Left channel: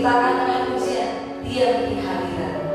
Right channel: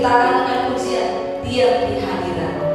Ciptakan dengan pujian, diam di hadirat.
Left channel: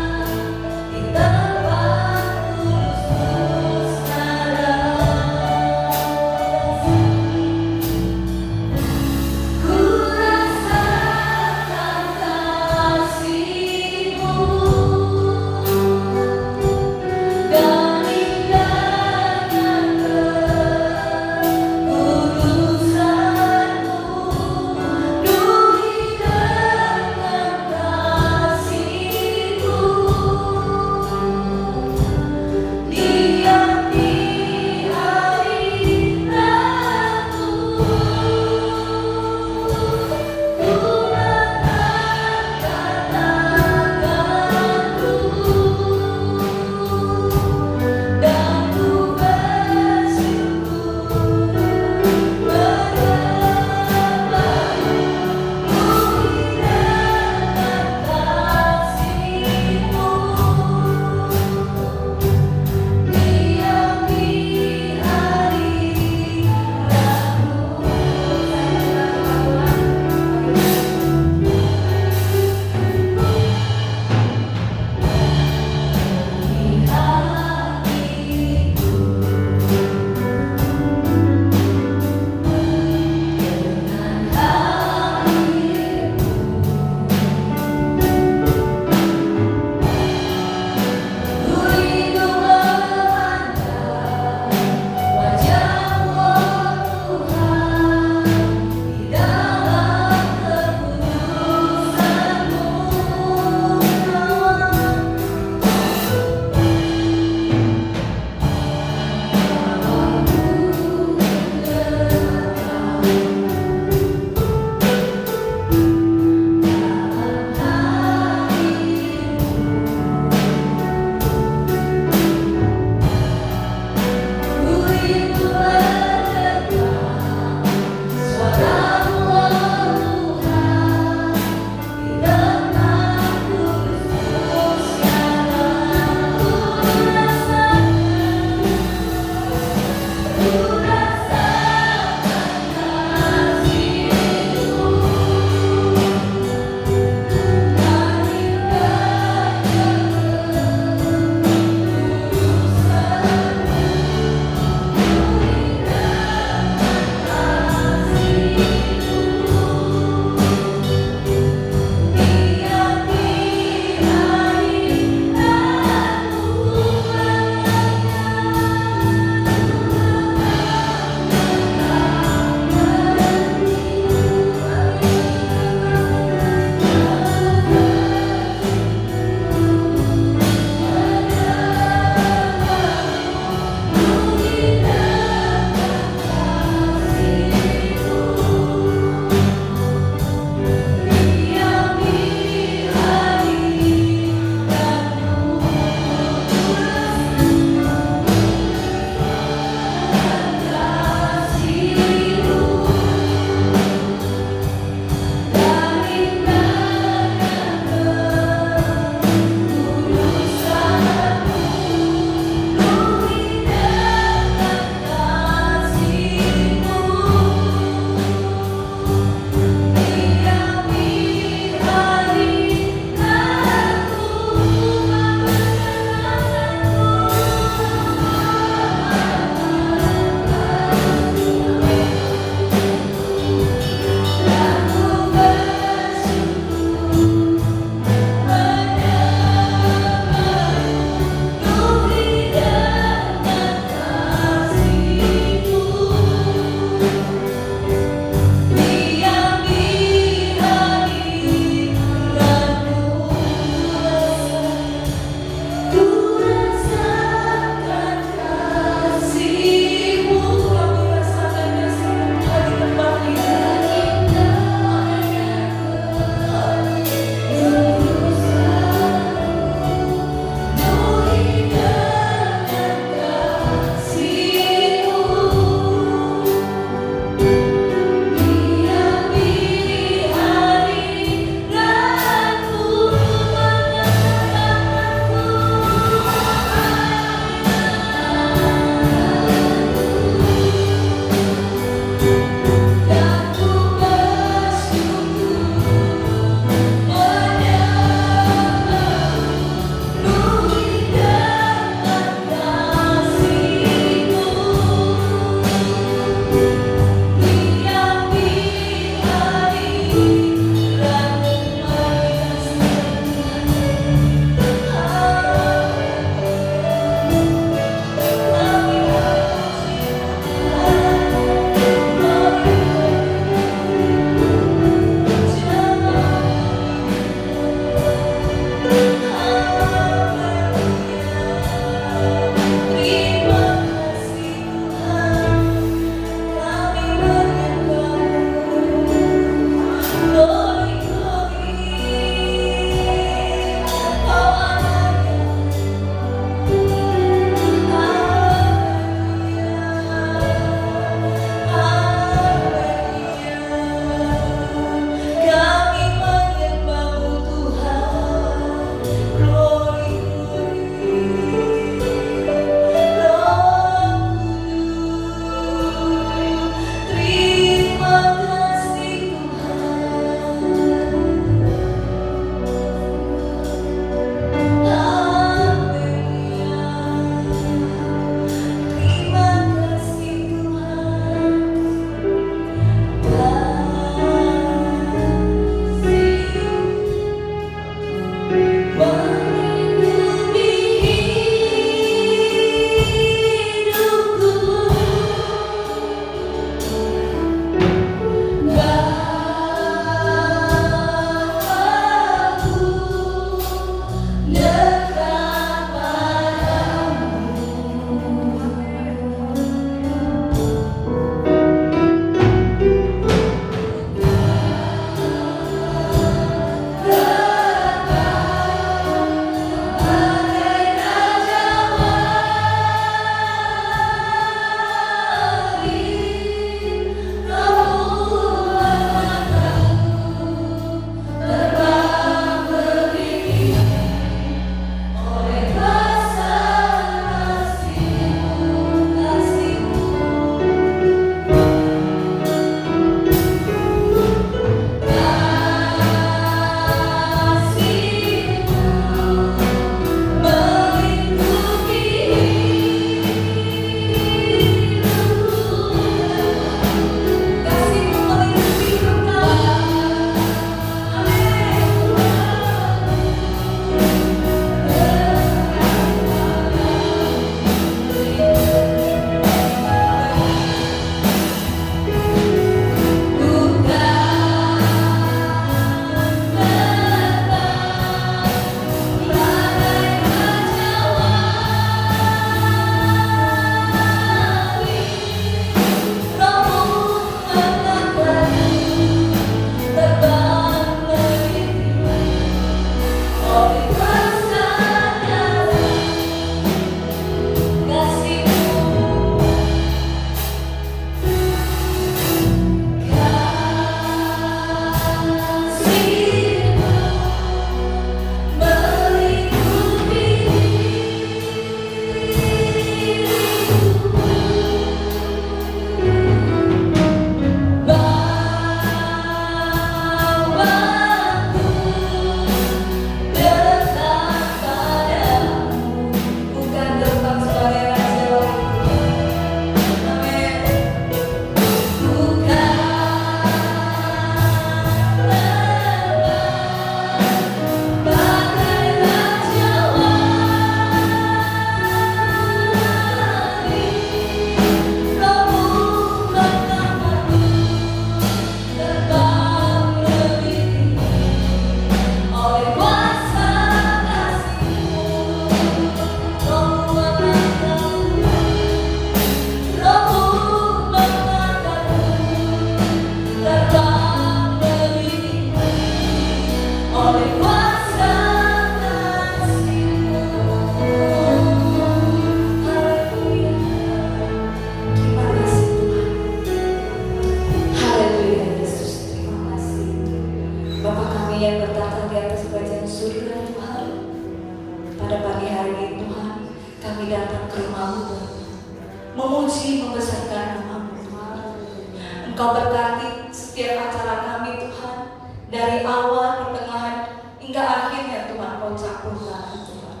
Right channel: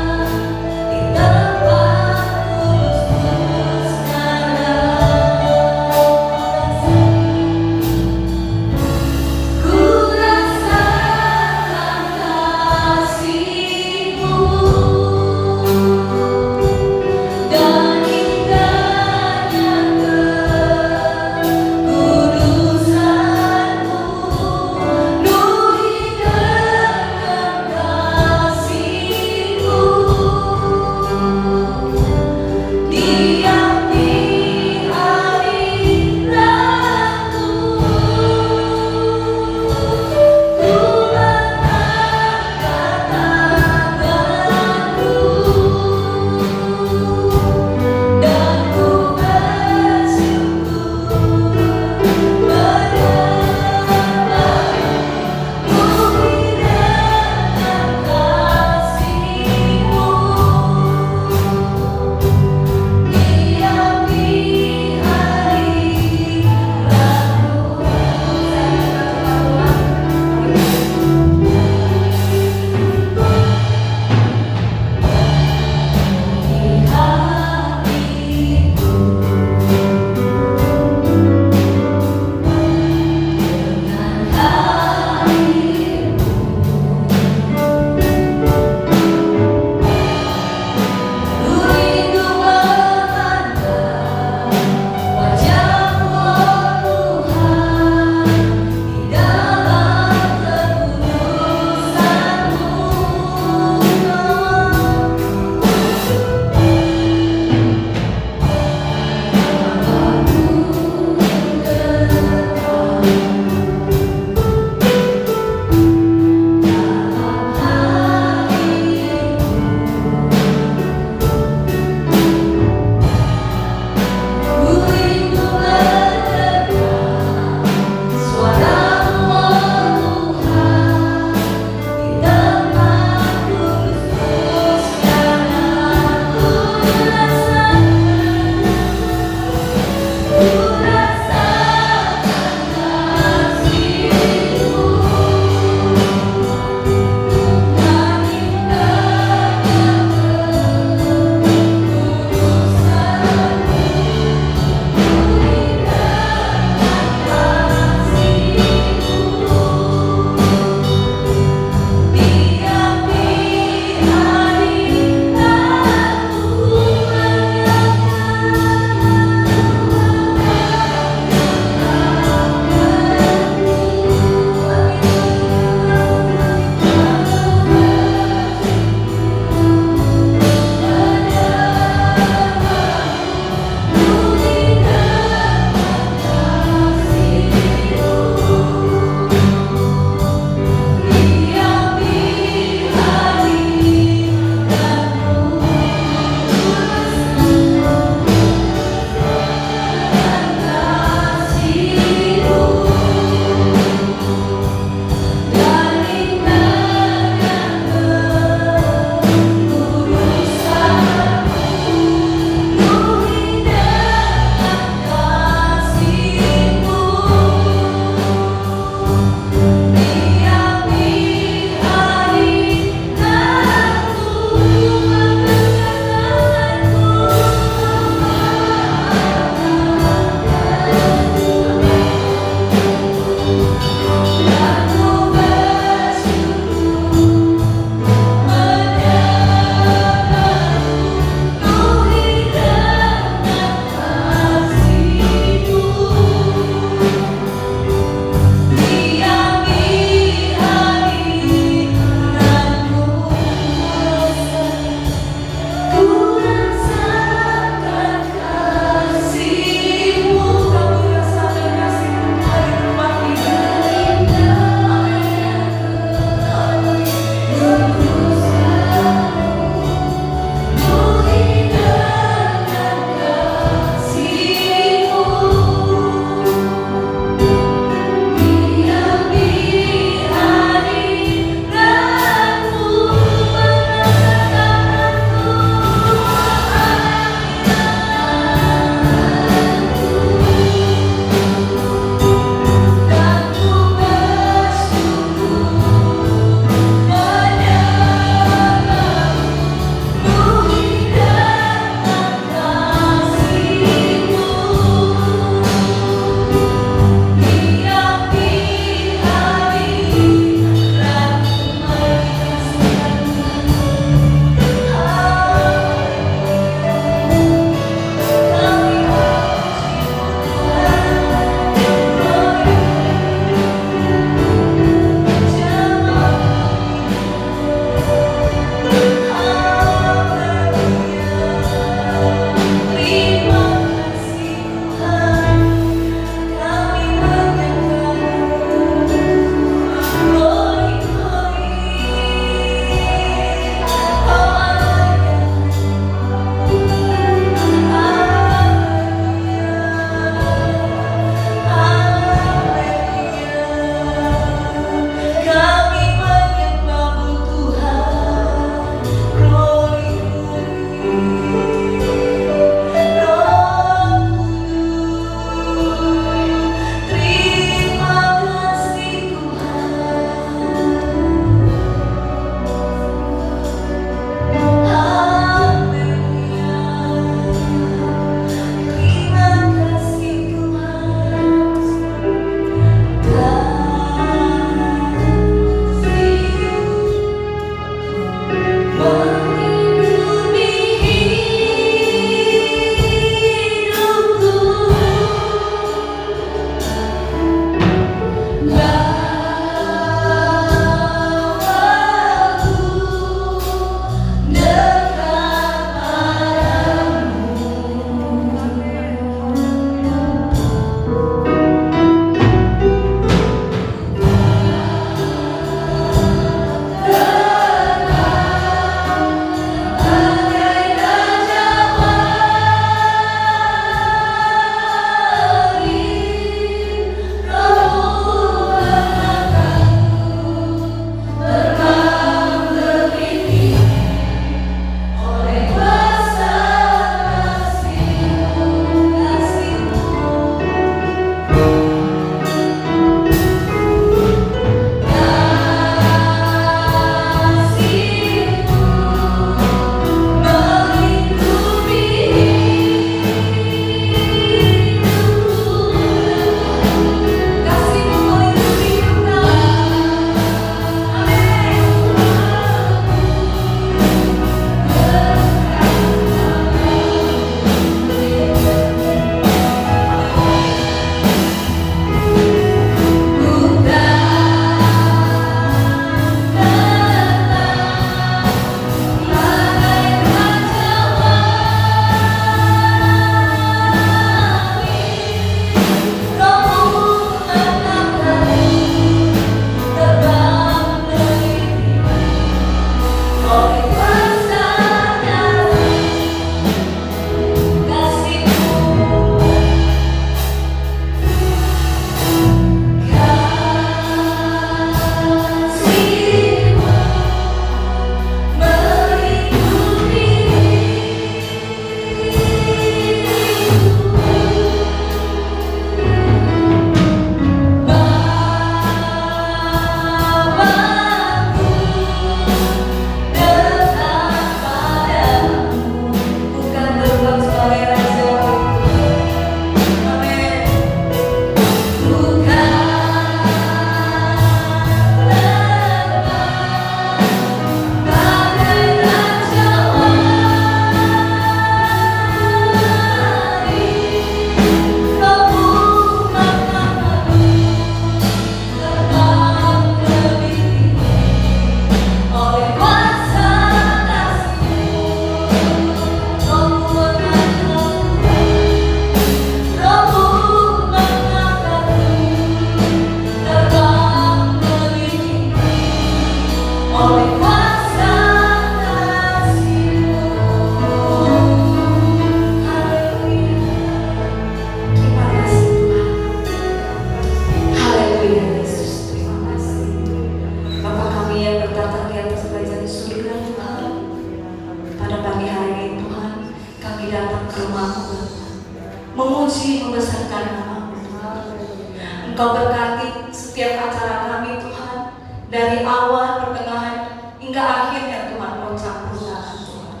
Engkau berkati setiap acara kami Tuhan, dari awal, pertengahan, hingga akhirnya Tuhan Kau campurkan Tuhan.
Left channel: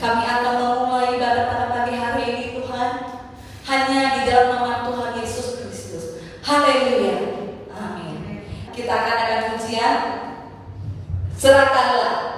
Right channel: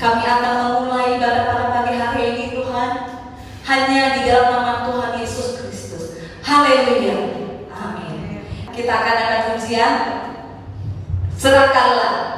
Kami akan memulai ibadah pada pagi hari ini Tuhan, hanya di dalam nama Tuhan Yesus Kristus. Haleluya. Amin. Kita akan ada pujian, serahkanlah.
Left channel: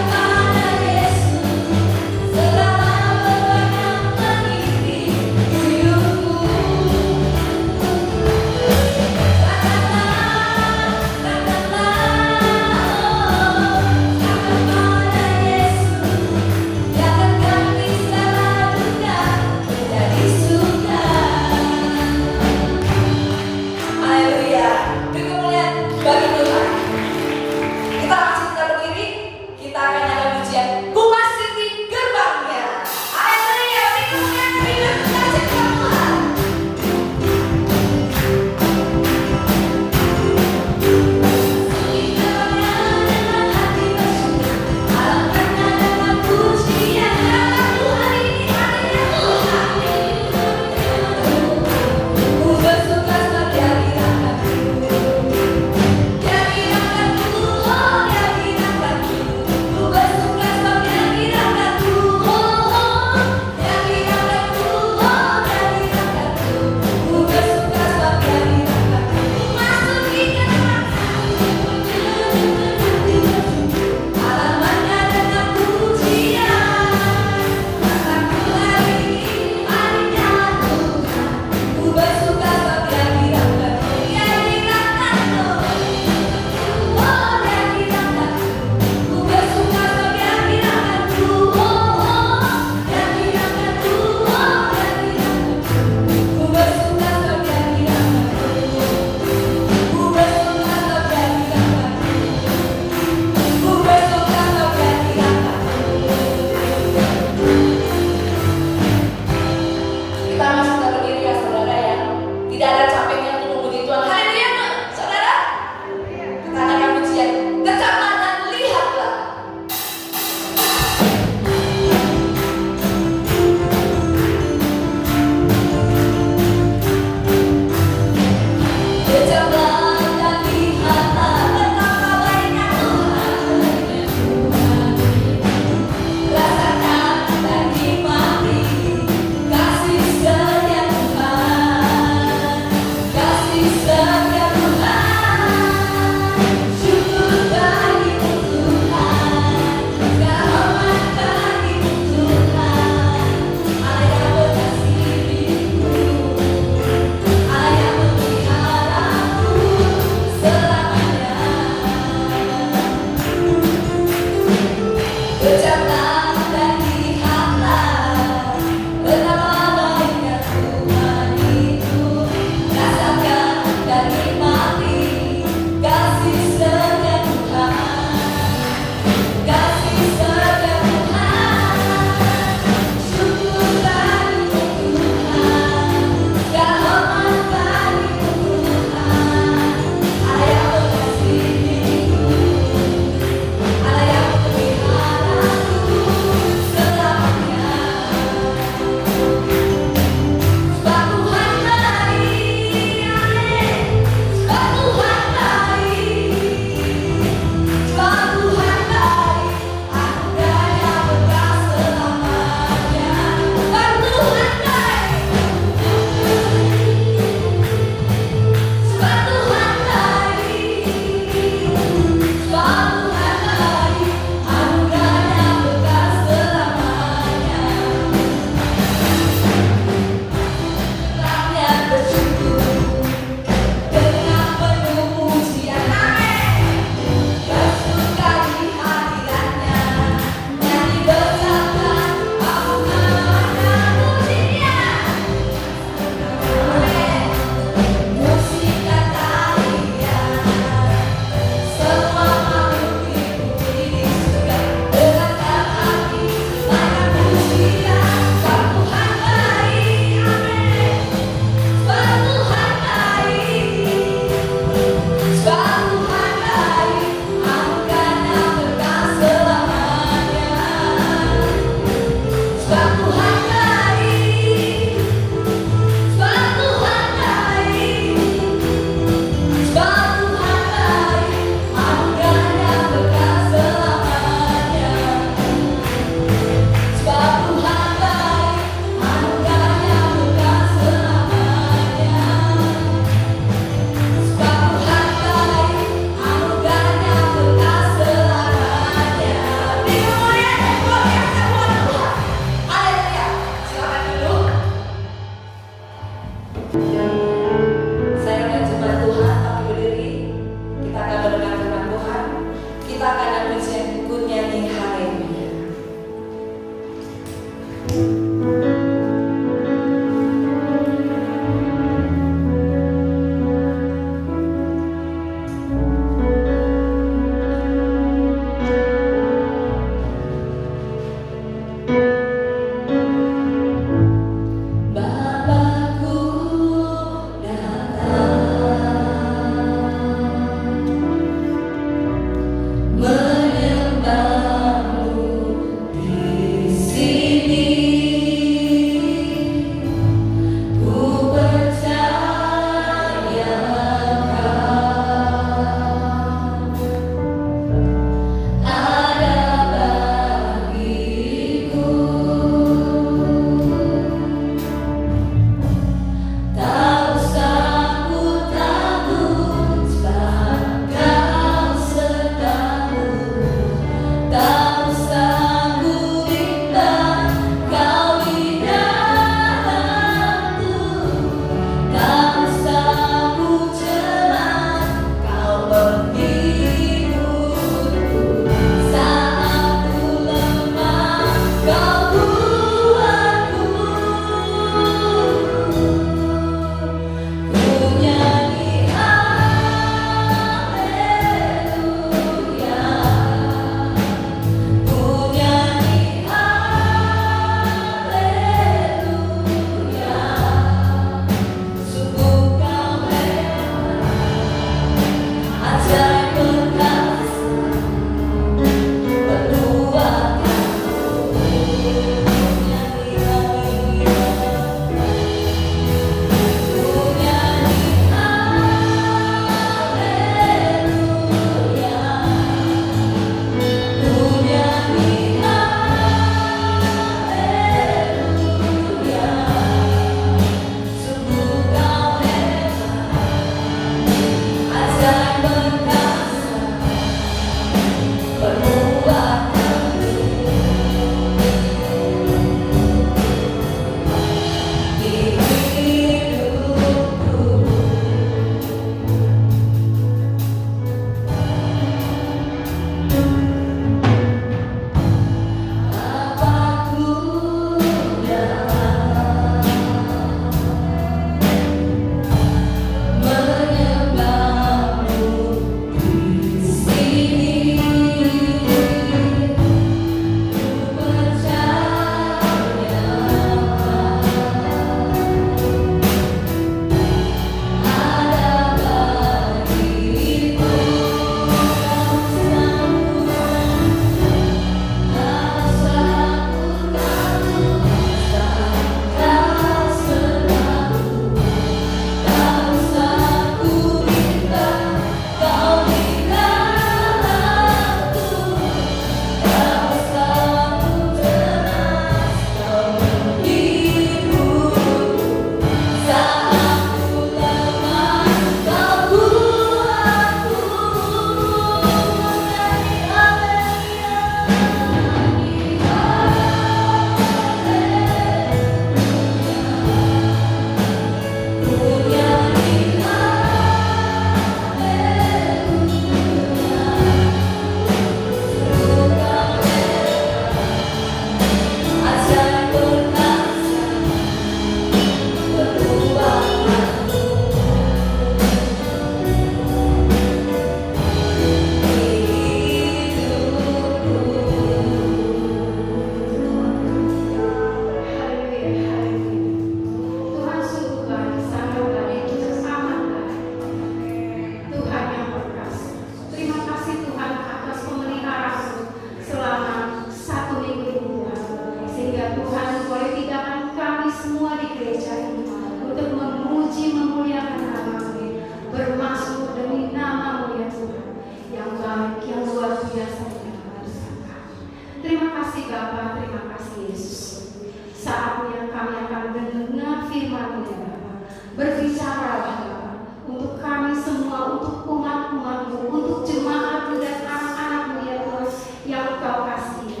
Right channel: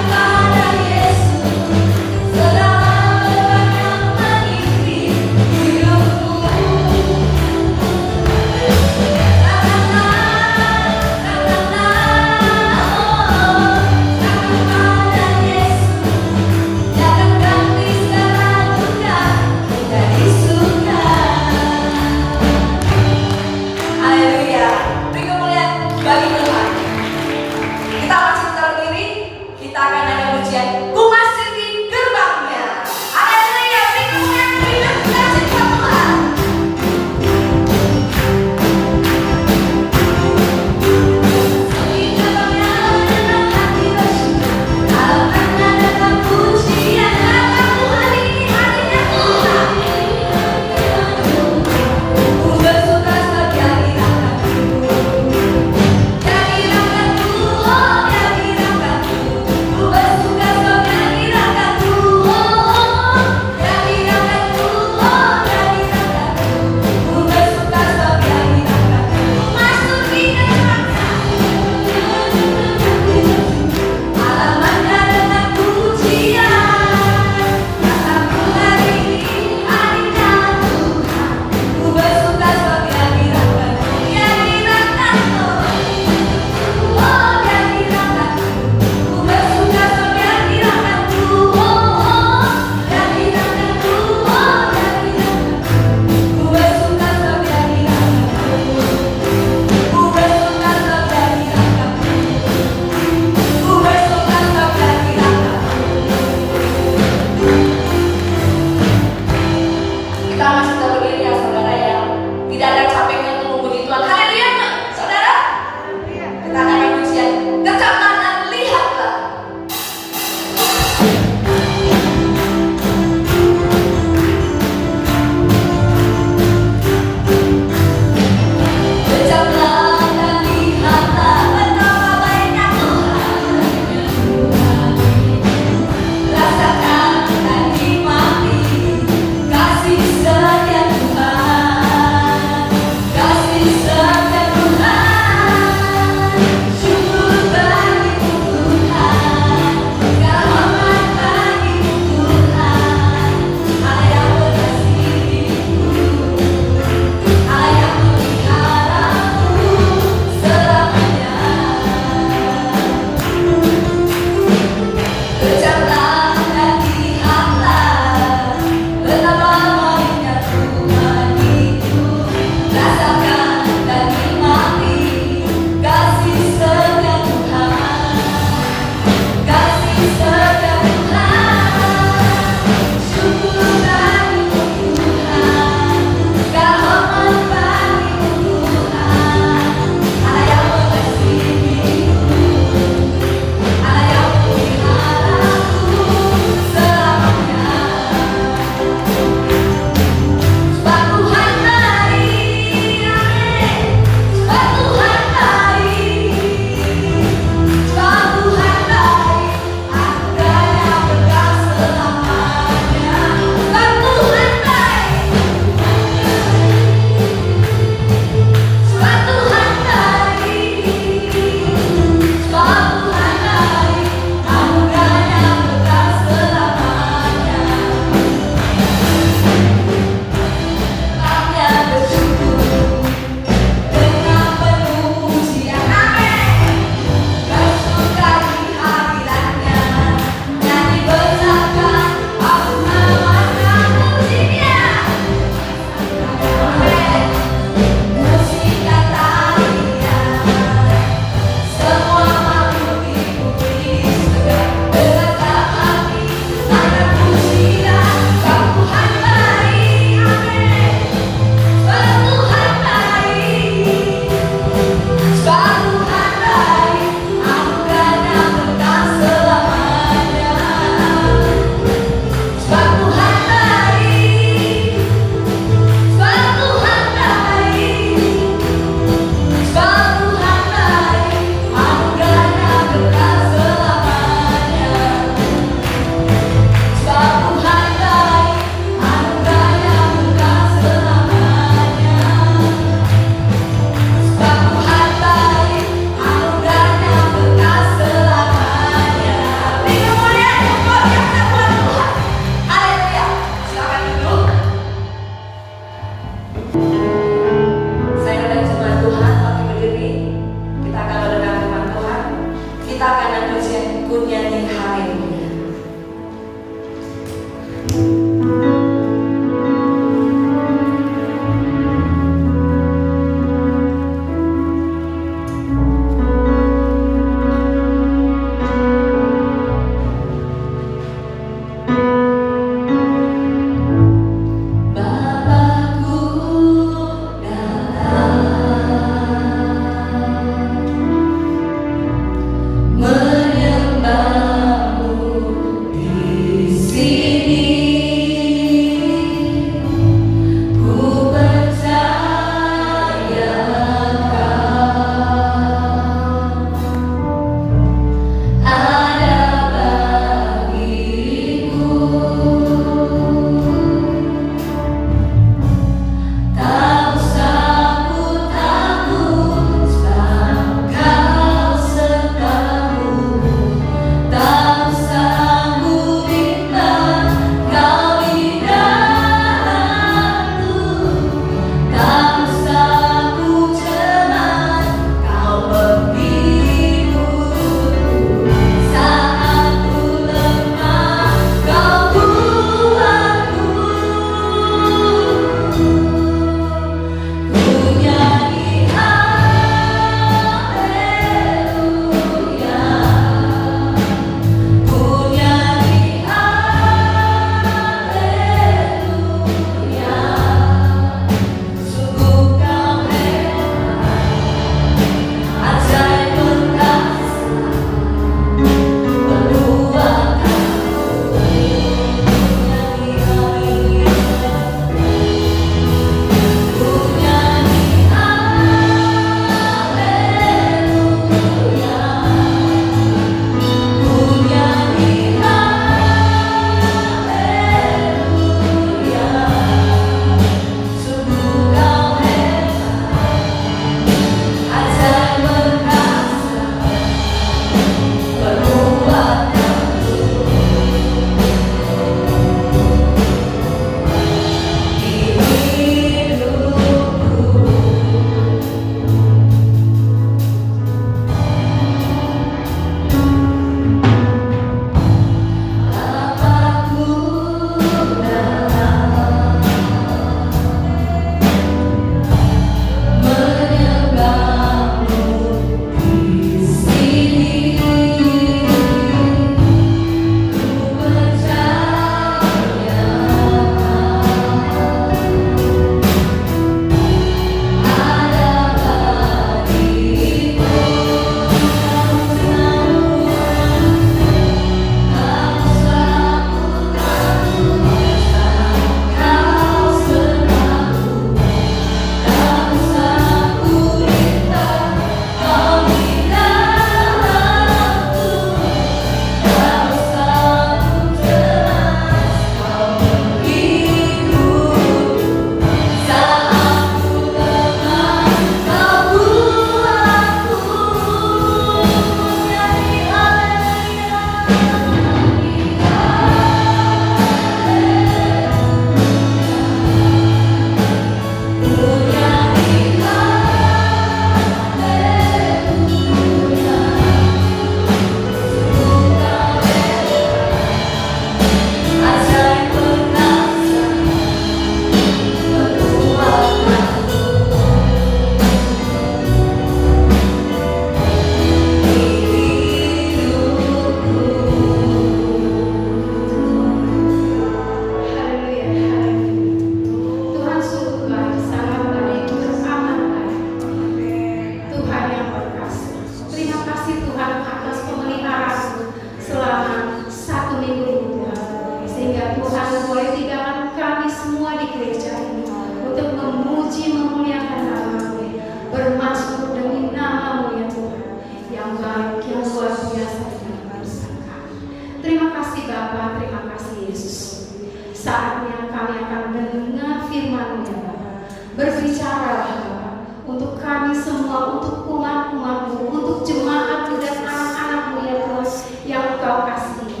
Berbicaralah Bapa untuk kami semua, untuk umat-umat-Mu, untuk jemaat dan anak-anak-Mu ya Tuhan yang Engkau kasihi.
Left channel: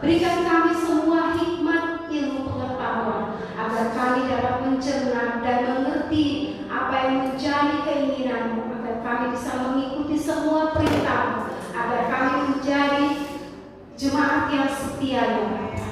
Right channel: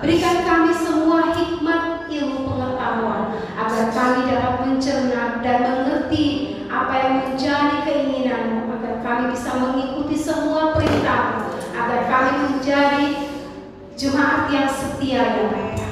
Berikan kami semua hikmat ilmu pengetahuan agar kami dapat mencerna dan mengerti apa yang menjadi keinginan-Mu, agar kami bisa mengikuti semua perintah-Mu, agar kami menjadi jemaat yang setia ya Bapa.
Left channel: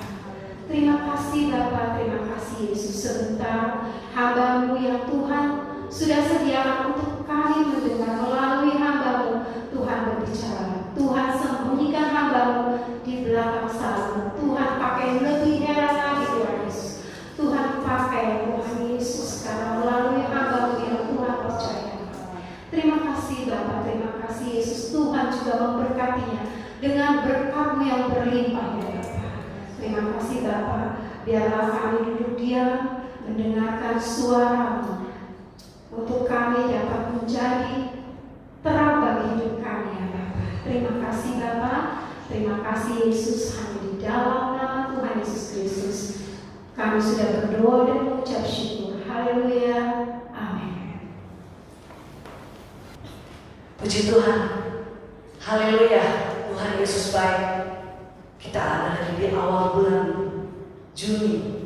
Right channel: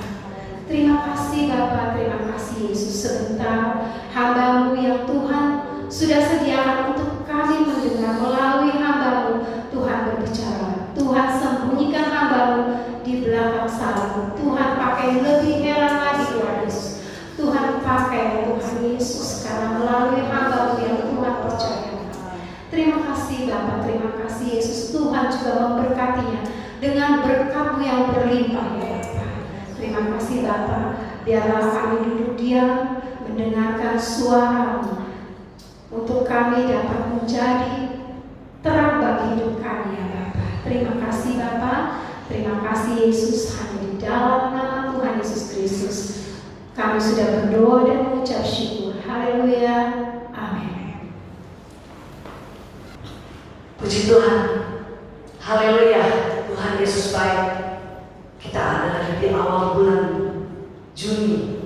Terima kasih Bapa, terima kasih Yesus. Sebentar hamba-Mu yang Tuhan sudah sediakan untuk kami mendengar, melalui hamba-Mu Tuhan berbicara. Tuhan sembunyikan hamba-Mu di belakang salib. Tuhan pakai lebih heran lagi Tuhan Yesus. Tuhan pakai Tuhan Yesus sekarang melalui hamba-Mu yang Tuhan percaya. Terima kasih Bapa, terima kasih Yesus. Tuhan juga memberkatinya dengan berkat-Mu yang berlimpah ya Bapa. Terima kasih Bapa. Biarlah kami duduk diam mendengarkan suara-Mu, untuk kami dapat menjadi terang bagi hidup kami ya Bapa. Terima kasih Bapa. Terima kasih Yesus. Hanya di dalam nama Tuhan Yesus Kristus kami sudah berdoa dan mengucap syukur. Haleluya. Amin. Puji Tuhan. Haleluya. Tuhan Yesus baik. Kita ada di awal bulan Juni.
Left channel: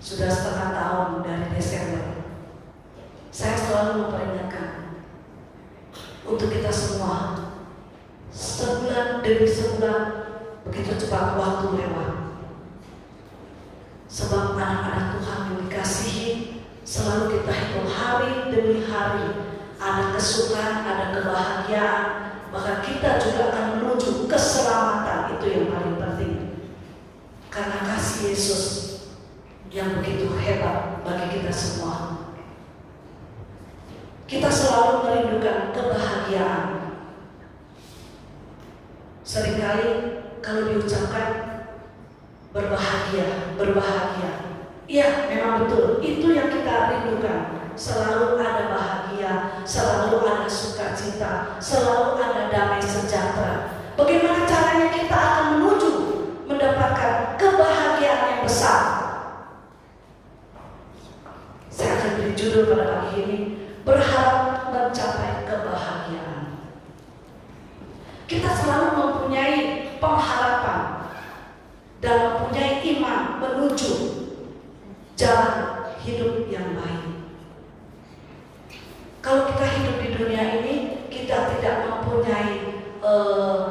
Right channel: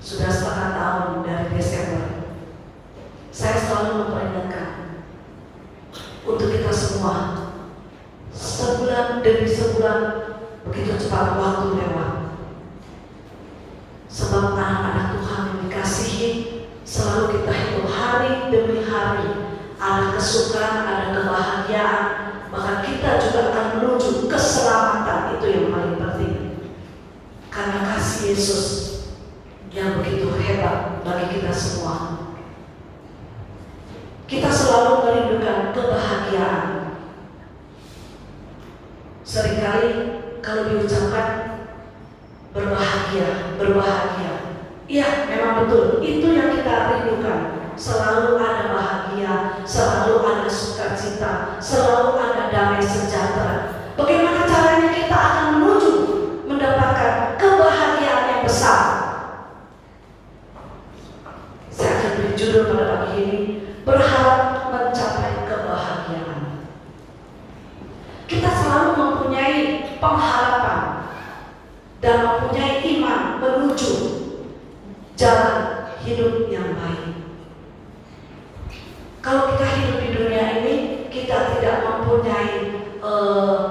Sudah setengah tahun dari Desember. Saya selalu memperingatkan untuk kita semua, sebulan demi sebulan begitu cepat waktu lewat. Sebab anak-anak Tuhan yang dikasihi, selalu kita hidup hari demi hari. Ada kesukaan, ada kebahagiaan, maka kita juga akan menuju keselamatan. Itu yang paling penting. Karena kasih Yesus yang begitu hebat bagi kita semua. Kita selalu merindukan kebahagiaan. Seringkali kalau diucapkan berbahagia, berbahagia. Iya, memang betul. Itu yang kita rindukan. Selalu ada bahagia, selalu ada sukacita, selalu ada damai sejahtera. Bagaimana caranya kita akan menuju mendapatkan kebahagiaan yang besar? Saya akan beri judul pada pagi ini, berharap mencapai kebahagiaan. Kita selalu mempunyai pengharapan dan mempunyai iman menuju jalan hidup yang baik. Kalau kita hidup di dunia ini, kita tidak mempunyai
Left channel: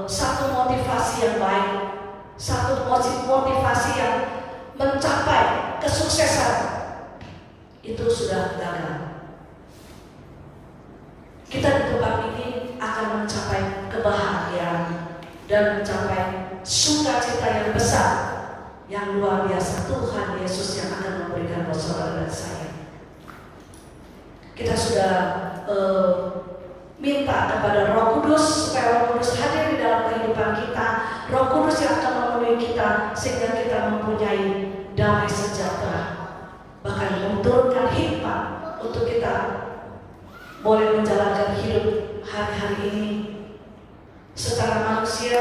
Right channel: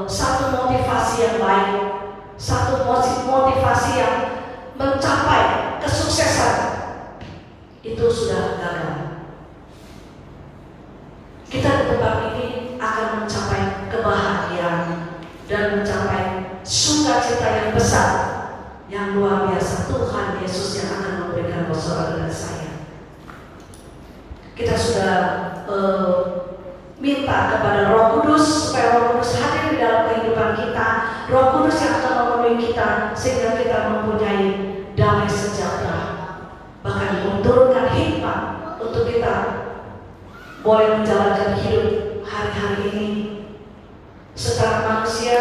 satu motivasi yang baik, satu motivasi yang mencapai kesuksesan, itu sudah gagal. Kita di tempat ini akan mencapai kebahagiaan dan mencapai sukacita yang besar, yang luar biasa. Tuhan Yesus yang akan memberikan buat saudara dan saya. Kita sudah minta kepada Roh Kudus supaya Roh Kudus hadir di dalam kehidupan kita. Roh Kudus yang akan memenuhi kita sehingga kita mempunyai damai sejahtera, bahkan menurunkan hikmat untuk kita boleh menjalankan hidup hari-hari ini. Secara manusia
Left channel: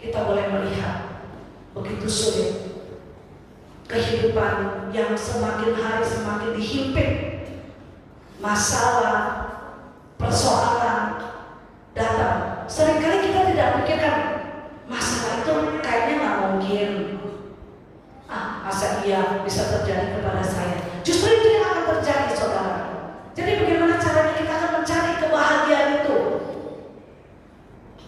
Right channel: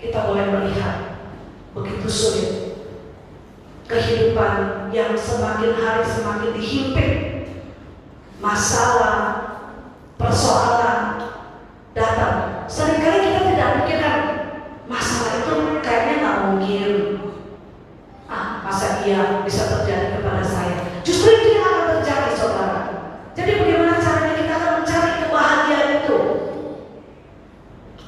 kita boleh melihat begitu sulit kehidupan yang semakin hari semakin dihimpit masalah, persoalan datang. Seringkali kita tidak pikirkan masalah itu kayaknya nggak mungkin. Masa iya bisa terjadi kepada saya? Justru itu yang akan terjadi, saudara. Jadi bagaimana caranya kita akan mencari kebahagiaan itu?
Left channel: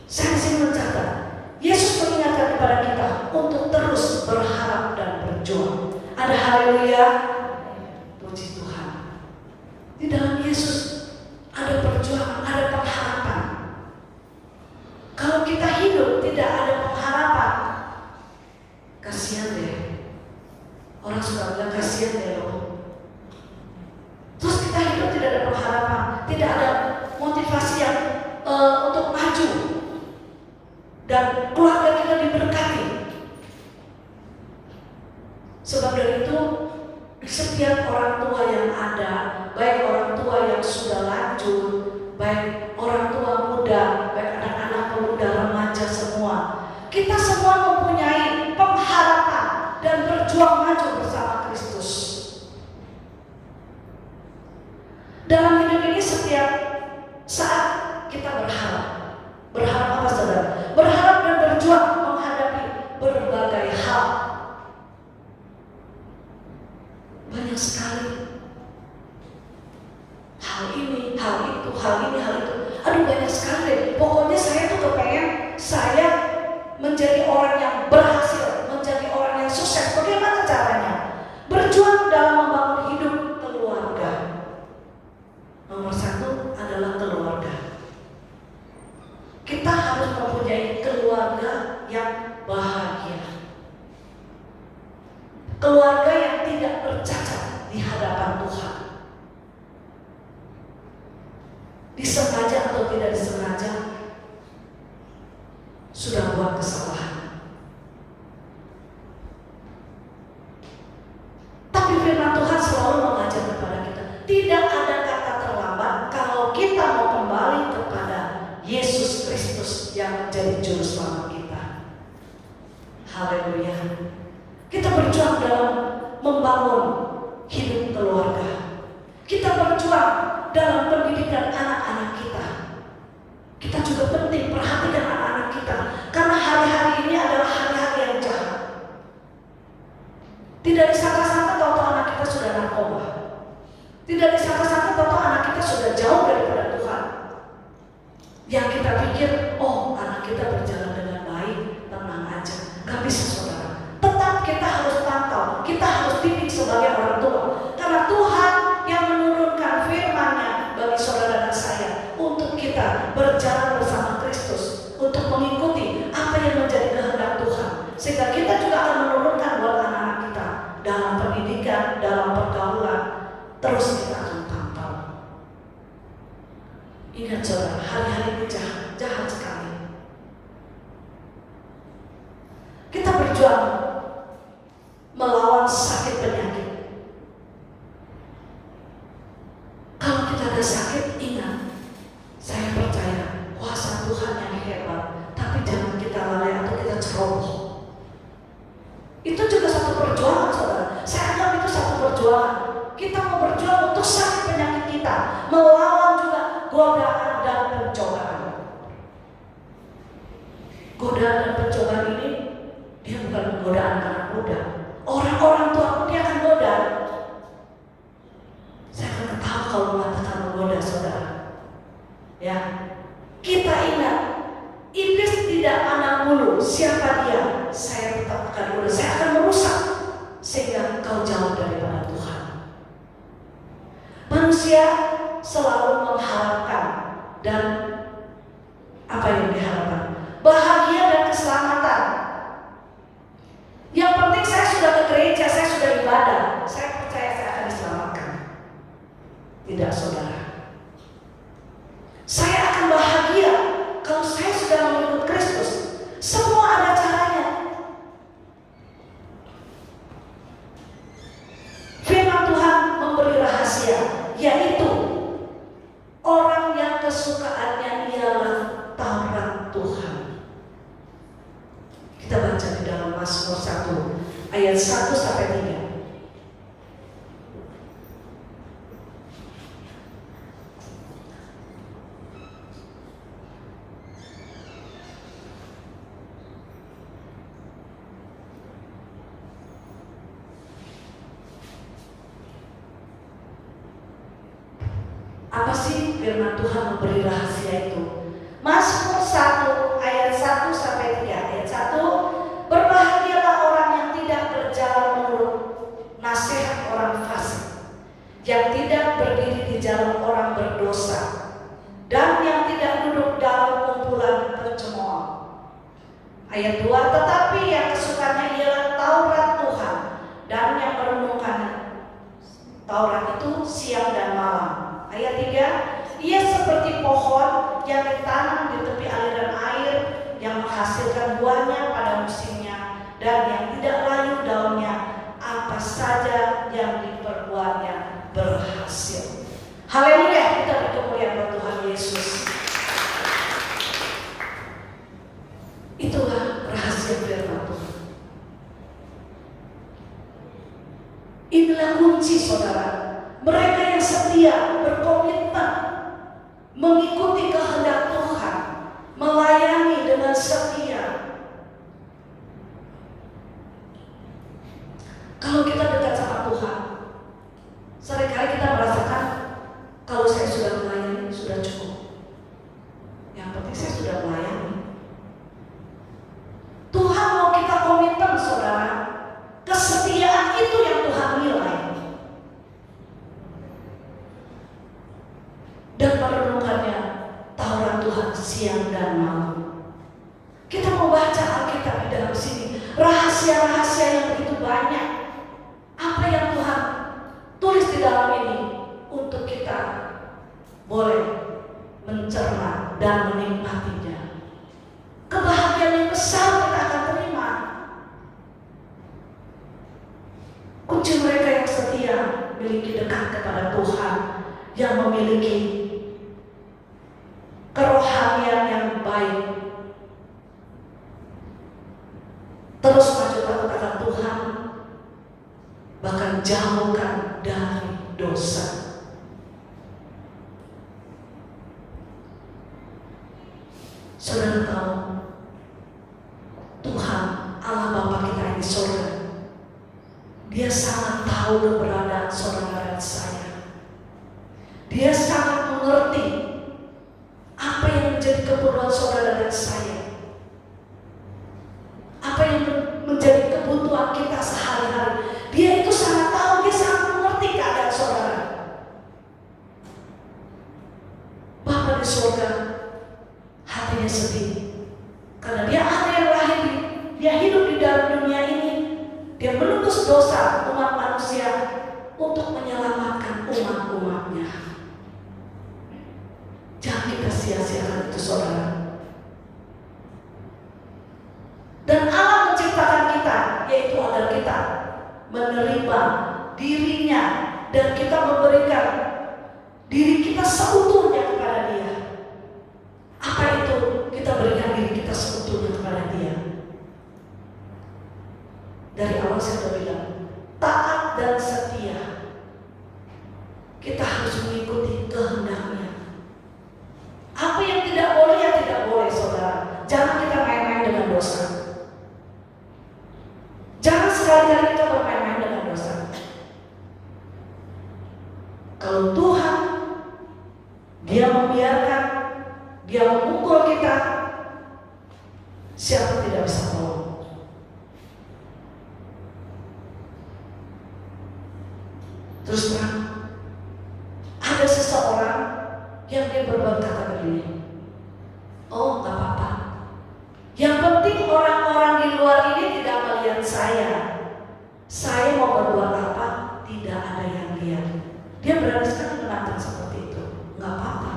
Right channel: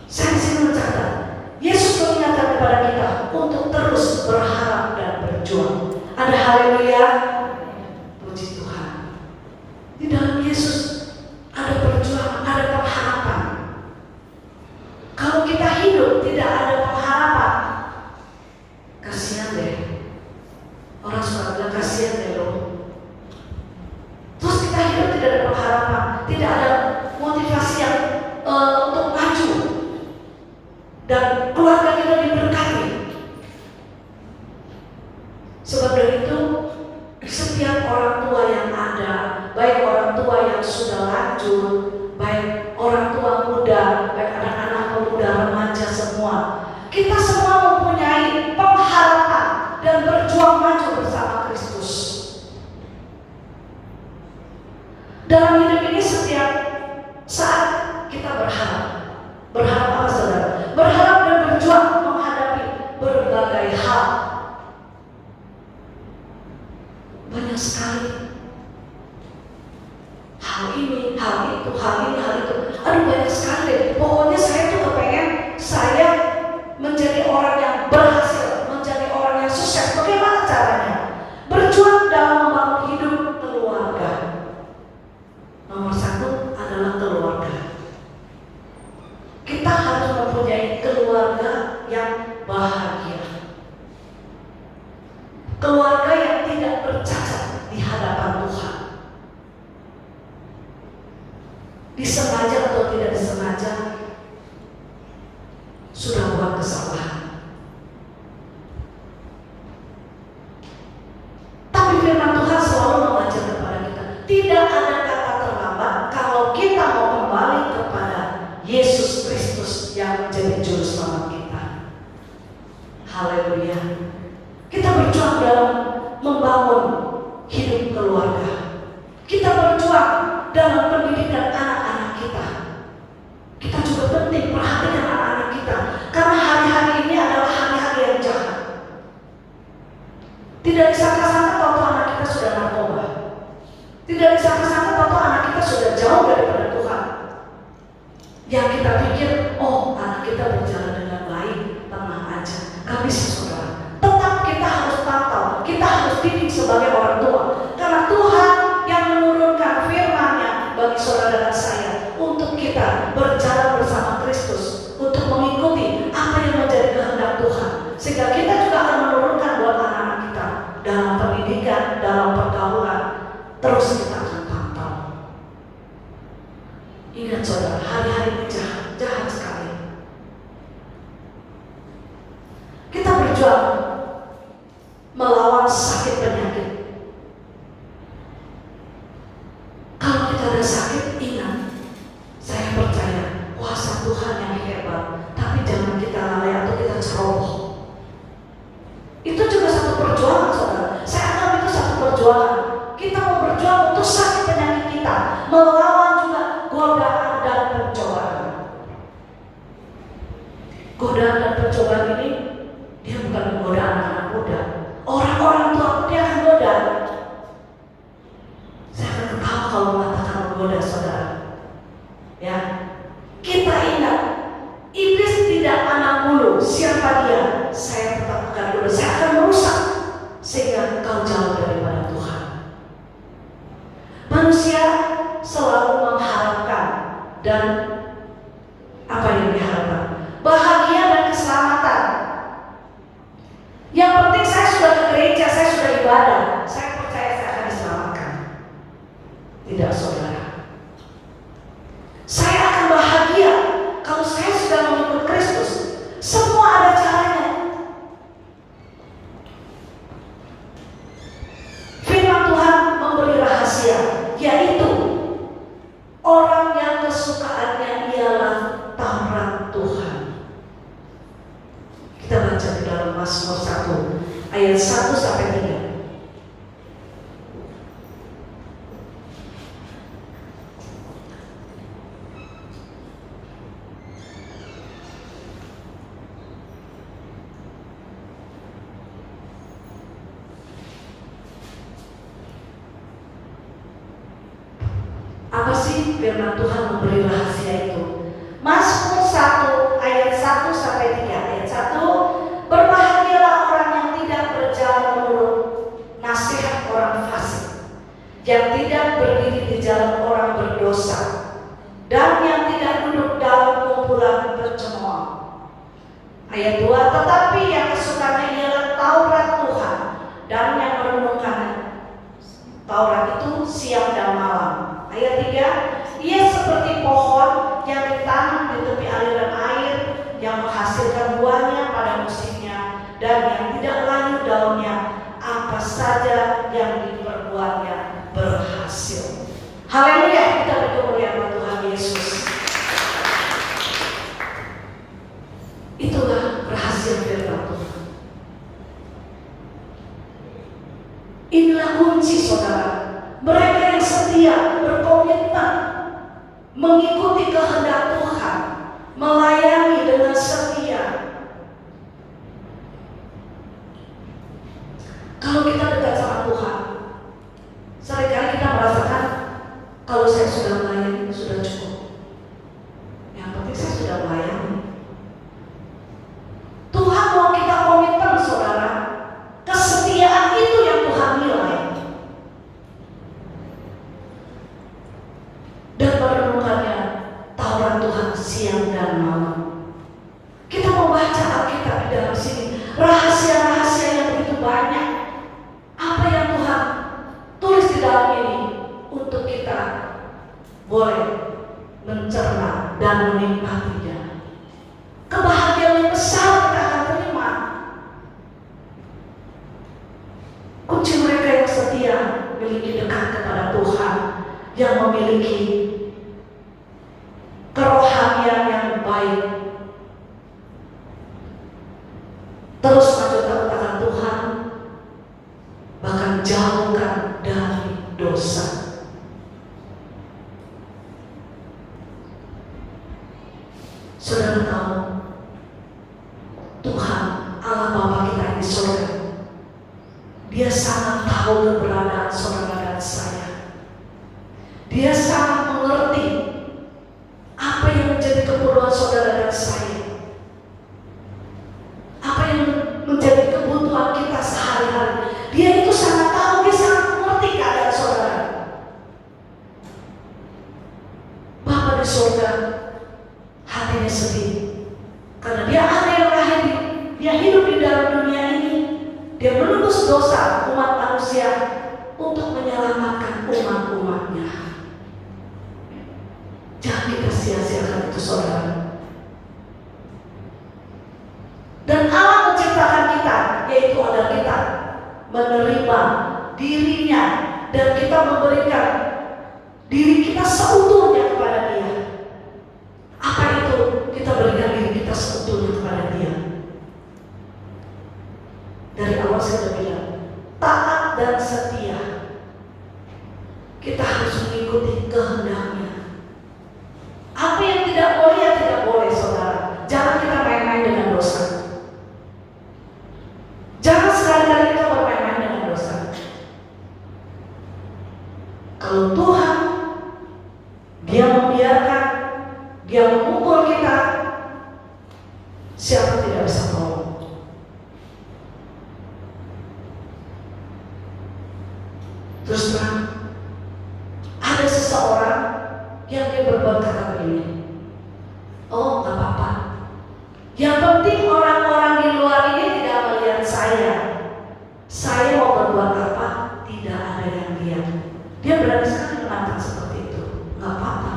Saya disini mencatat, Yesus mengingatkan kepada kita untuk terus berharap dan berjuang. Ada haleluya. Puji Tuhan. Di dalam Yesus ada perjuangan, ada pengharapan. Kalau kita hidup tidak ada pengharapan, kasihan deh. Orang suka bilang kasihan deh loh. Terus kita hidup tidak ada pengharapan, tidak ada motivasi yang untuk maju, dan keluarga kita diberkati. Sebab dari itu setiap orang tua yang ada, baik orang tua yang sudah lanjut, baik orang tua muda, baik anak-anak pemuda, remaja semua, kita semua mempunyai pengharapan dan berjuang maju bersama Kristus. Dalam hidup ini setiap saat kita berharap. Berharap apa saudara? Berharap dan berjuang menghadapi berbagai hal. Banyak sekali hal ini, hal itu, hal ini, hal itu. Aduh, banyak sekali. Pokoknya saya tuh kepengen saya menjadi orang yang berhasil, menjadi orang yang sukses. Bagaimana caranya? Berjuang dalam membangun hidup keluarga. Nomor satu adalah keluarga. Kita harus mempunyai keluarga yang bahagia. Keluarga yang tidak bercacat di hadapan Tuhan. Disengaja atau tidak disengaja sudah buat kesalahan. Tapi firman Tuhan selalu mengajar kepada kita, tidak ada kata terlambat kalau kita mau kembali kepada Yesus Kristus yang menjadi juru selamat kita. Haleluya. Kita berjuang dalam membangun hidup keluarga. Kita berjuang dalam pendidikan anak-anak kita. Kita juga penting perhatikan anak-anak kita, karena hari-hari ini adalah hari-hari yang jahat. Tidak disangka-sangka tahu anak kita sudah narkoba. Tidak disangka-sangka tahu anak kita sudah jauh daripada Tuhan. Yang kita pikir, oh anak kita berjalan dengan baik, tenang aja, gak bisa saudara. Tetap kita harus pantau, kita harus didik sebagai orang tua, karena Tuhan yang menurunkan firman-Nya bagi saudara dan saya untuk kita berjalan bersama Kristus, untuk mengikuti apa yang menjadi kehendak Tuhan, sehingga kita juga akan menurunkan buat anak-anak kita dalam pendidikan, dalam pergaulan. Terus kita akan pantau. Ingat saudara, hari-hari ini jahat sekali. Kita berjuang melawan sakit penyakit. Kalau kita ada sakit, ingat, saya percaya kuasa Tuhan yang hebat. Tapi jangan kita lalai atau kita ceroboh. Itu juga satu perjuangan saudara. Saya anggap itu satu perjuangan. Kita mau berjuang untuk sakit penyakit kita, melawan juga godaan dan pencobaan. Godaan dan pencobaan ini dia bukan godaan anak muda. Orang-orang tua pun dia akan goda. Saya akan tahu kalau mengatakan menggoda saudara. Ya, kita ingat, iblis tidak anak bulu. Siapa dia? Saya tetapkan dulu. Saya akan merusak sehingga engkau jauh daripada Tuhan. Manusia selalu mengharapkan dan apa yang diharapkan? Bahagia dan keselamatan. Yang penting saya sudah ke gereja, saya sudah ibadah, saya percaya saya akan diselamatkan. Tidak saudara. Saya akan bahagia kalau saya sudah mengikut Kristus. Semua ada caranya. Firman Tuhan memberi rahasia, yaitu orang yang kesukaannya ialah Taurat Tuhan. Kita baca di dalam Mazmur 1 ayat 1 sampai 3. Apa sih firman Tuhan memberi rahasia itu? Mazmur 1 ayat 1 sampai 3. Ayat 1, berbahagialah orang yang tidak berjalan menurut nasihat orang fasik, yang tidak berdiri di jalan orang berdosa, dan yang tidak duduk dalam kumpulan pencemooh. Ayat 2, tetapi yang kesukaannya ialah Taurat Tuhan, dan yang merenungkan Taurat itu siang dan malam. Ayat 3, ia seperti pohon yang ditanam di tepi aliran air, yang menghasilkan buahnya pada musimnya, dan yang tidak layu daunnya, apa saja yang diperbuatnya berhasil. Haleluya, kita berkemuliaan Tuhan Yesus. Itulah rahasia firman Tuhan. Inilah kunci saudara. Mereka yang setia berkomitmen mengikuti kehendak Tuhan, melayani dengan setia. Kalau kita dekat sama Tuhan, seringkali kita merasakan kalau saya sudah melayani sudah cukup. Yang penting saya sudah melayani. Tuhan mau kita komitmen, saudara. Kesetiaan itu yang Tuhan nilai. Dan merenungkannya tawaran Tuhan siang dan malam. Kita mau baca Alkitab di dalam sini, rahasia-rahasia yang begitu banyak. Apa yang Tuhan tulis di dalam ini untuk kita boleh mencerna dan menikmatinya. Kebahagiaan yang besar kita akan terima. Kunci mereka yang setia memiliki dekat kepada Tuhan, yang memiliki kerohanian yang baik, terus maju taat Tuhan, bahkan jauhkan dari dosa. Saudara tahu, Tuhan Allah Bapa kita di surga, Dia sangat tahu keberadaan saudara dan saya. Dia sangat mengerti apa yang menjadi keperluan saudara dan saya, apa yang menjadi kebutuhan kita sehari-hari. Dia itu sangat tahu, Dia sangat mengerti keadaan saudara. Bapa di surga hatinya sedih karena Dia ada yang lahir, Dia hidup di dalam dunia ini. Dia menebus dosa umat manusia untuk menyelamatkan umat-umatnya. Jangan kita sia-siakan itu, saudara. Dan Allah menciptakan kita, yaitu agar kita menerima dirinya dan kita memberikan diri kita seutuhnya kepada Dia. Apa itu? Kita berikan diri kita seutuhnya kepada Dia. Dari awal saya sudah bilang, taat dan setia. Kita harus mengikuti kehendaknya. Apa yang tidak boleh, ya tidak boleh, saudara. Jangan kita main-main dengan dosa. Jangan sekali-kali kita bermain-main dengan dosa. Kalau Tuhan Dia membiarkan, Dia memukul kita, siapa tidak bisa tolong? Terus terang, ada seseorang yang dia berbuat kata begini, oh gak apa-apa, yang penting orang-orang di luar ini tidak melihat saya mau berbuat apa, tidak ada yang lihat. Dia berani sekali menantang seperti itu. Gak apa-apa.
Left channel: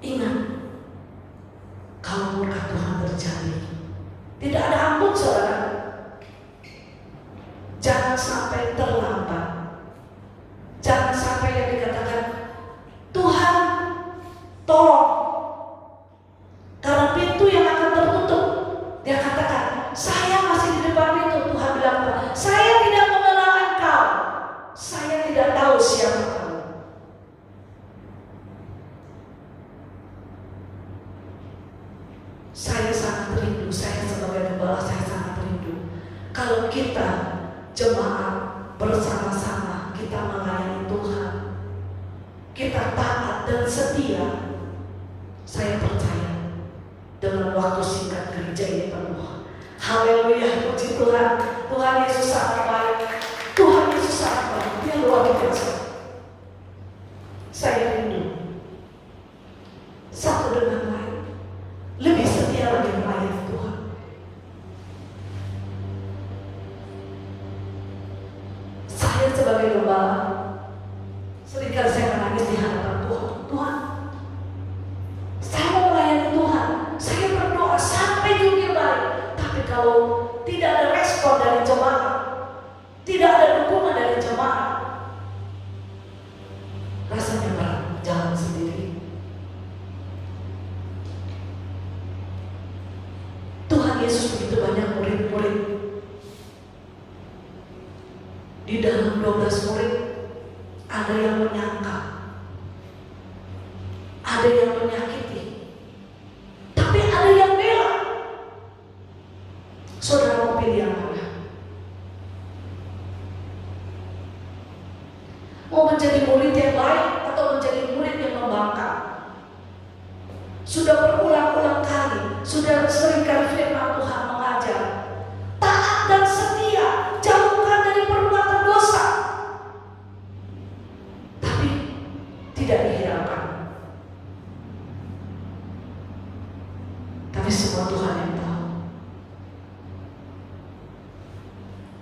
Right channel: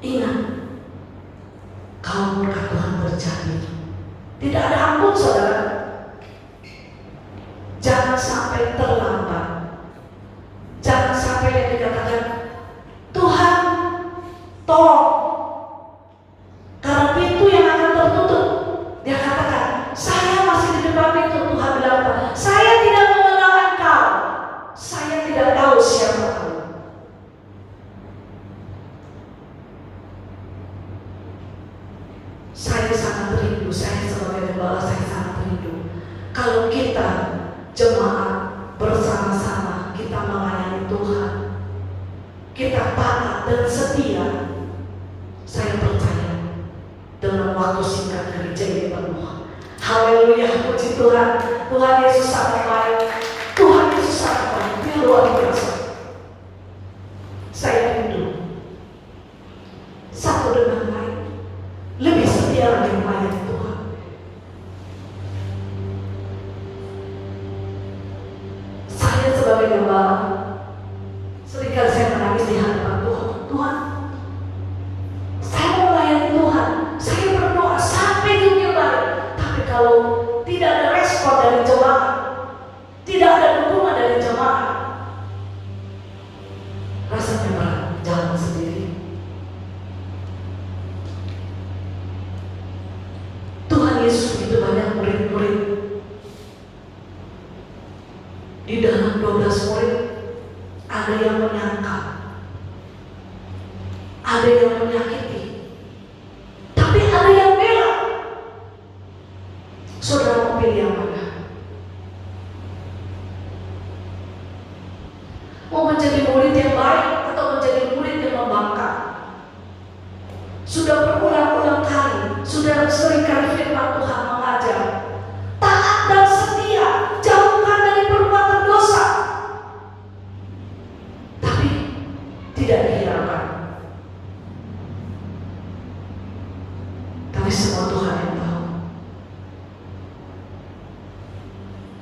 Ingat, kalau murka Tuhan terjadi, tidak ada ampun, saudara. Jangan sampai terlambat. Jangan sampai yang dikatakan, Tuhan tolong, karena pintu yang akan tertutup. Dia katakan, saya masih di depan pintu. Tuhan bilang apa? Saya tidak mengenal engkau. Saya tidak tahu siapa kau. Saya sangat rindu, saya sebagai gembala, saya sangat rindu kalau kita jemaat bersama-sama kita melayani Tuhan, kita taat dan setia. Saya percaya dalam waktu singkat gereja ini penuh. Haleluya, puji Tuhan. Tuhan Yesus sangat baik. Tuhan Yesus sangat baik. Dia luar biasa. Saya rindu satu dengan lain, lebih setia lagi melayani Tuhan. Saya sebagai gembala, seringkali saya menangis di hadapan Tuhan. Tuhan, saya mau melayani Tuhan, saya berdoa sampai jungkir balik. Tapi kalau tidak ada respon dari jemaat, tidak ada dukungan dari jemaat, rasanya berat, jalan sendiri. Tuhan Yesus begitu banyak murid-murid. Di dalam 12 murid ada yang menyangkal, Mau menjadi murid yang baik atau menjadi murid yang membangkang? Sudah berulang-ulang kali, sudah seringkali firman Tuhan mengajar, taat dan setia, jauhkan dari perbuatan dosa. Tapi tidak dihiraukan. Tapi semua Tuhan yang tahu.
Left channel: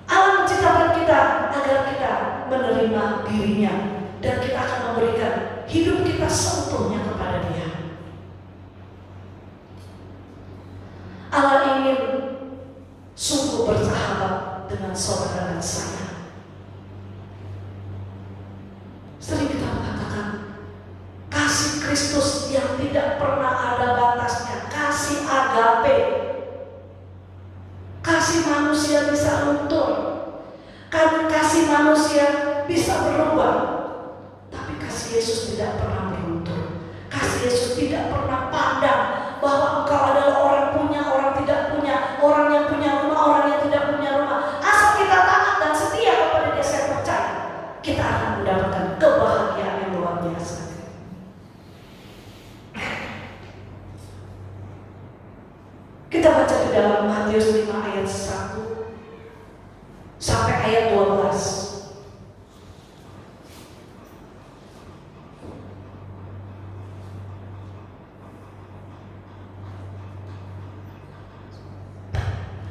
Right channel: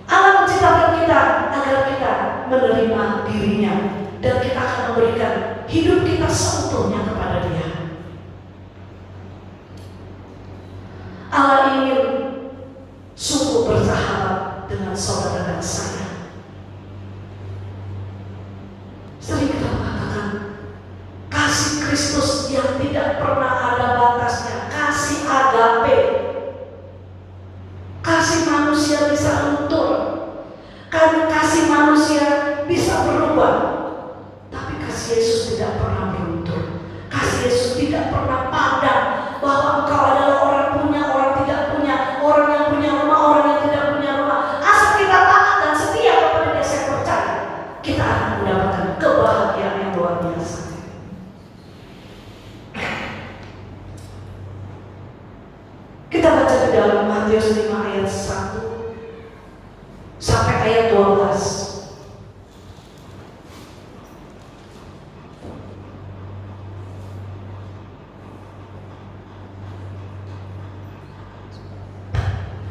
Allah menciptakan kita agar kita menerima dirinya, dan kita akan memberikan hidup kita seutuhnya kepada Dia. Allah ingin sungguh bersahabat dengan saudara dan saya. Sering kita mengatakan kasih Kristus yang tidak pernah ada batasnya, kasih agape, kasih manusia bisa luntur, kan kasih manusia bisa berubah, tapi kasih Yesus tidak pernah beruntur. Kasih Yesus tidak pernah pandang bahwa engkau adalah orang punya, orang tidak punya, orang yang punya rumah, orang yang tidak punya rumah. Asal kita taat dan setia kepada Dia, saya percaya kita akan mendapatkan kebahagiaan yang luar biasa. Kita baca di dalam Matius 5 ayat 1 sampai ayat 12.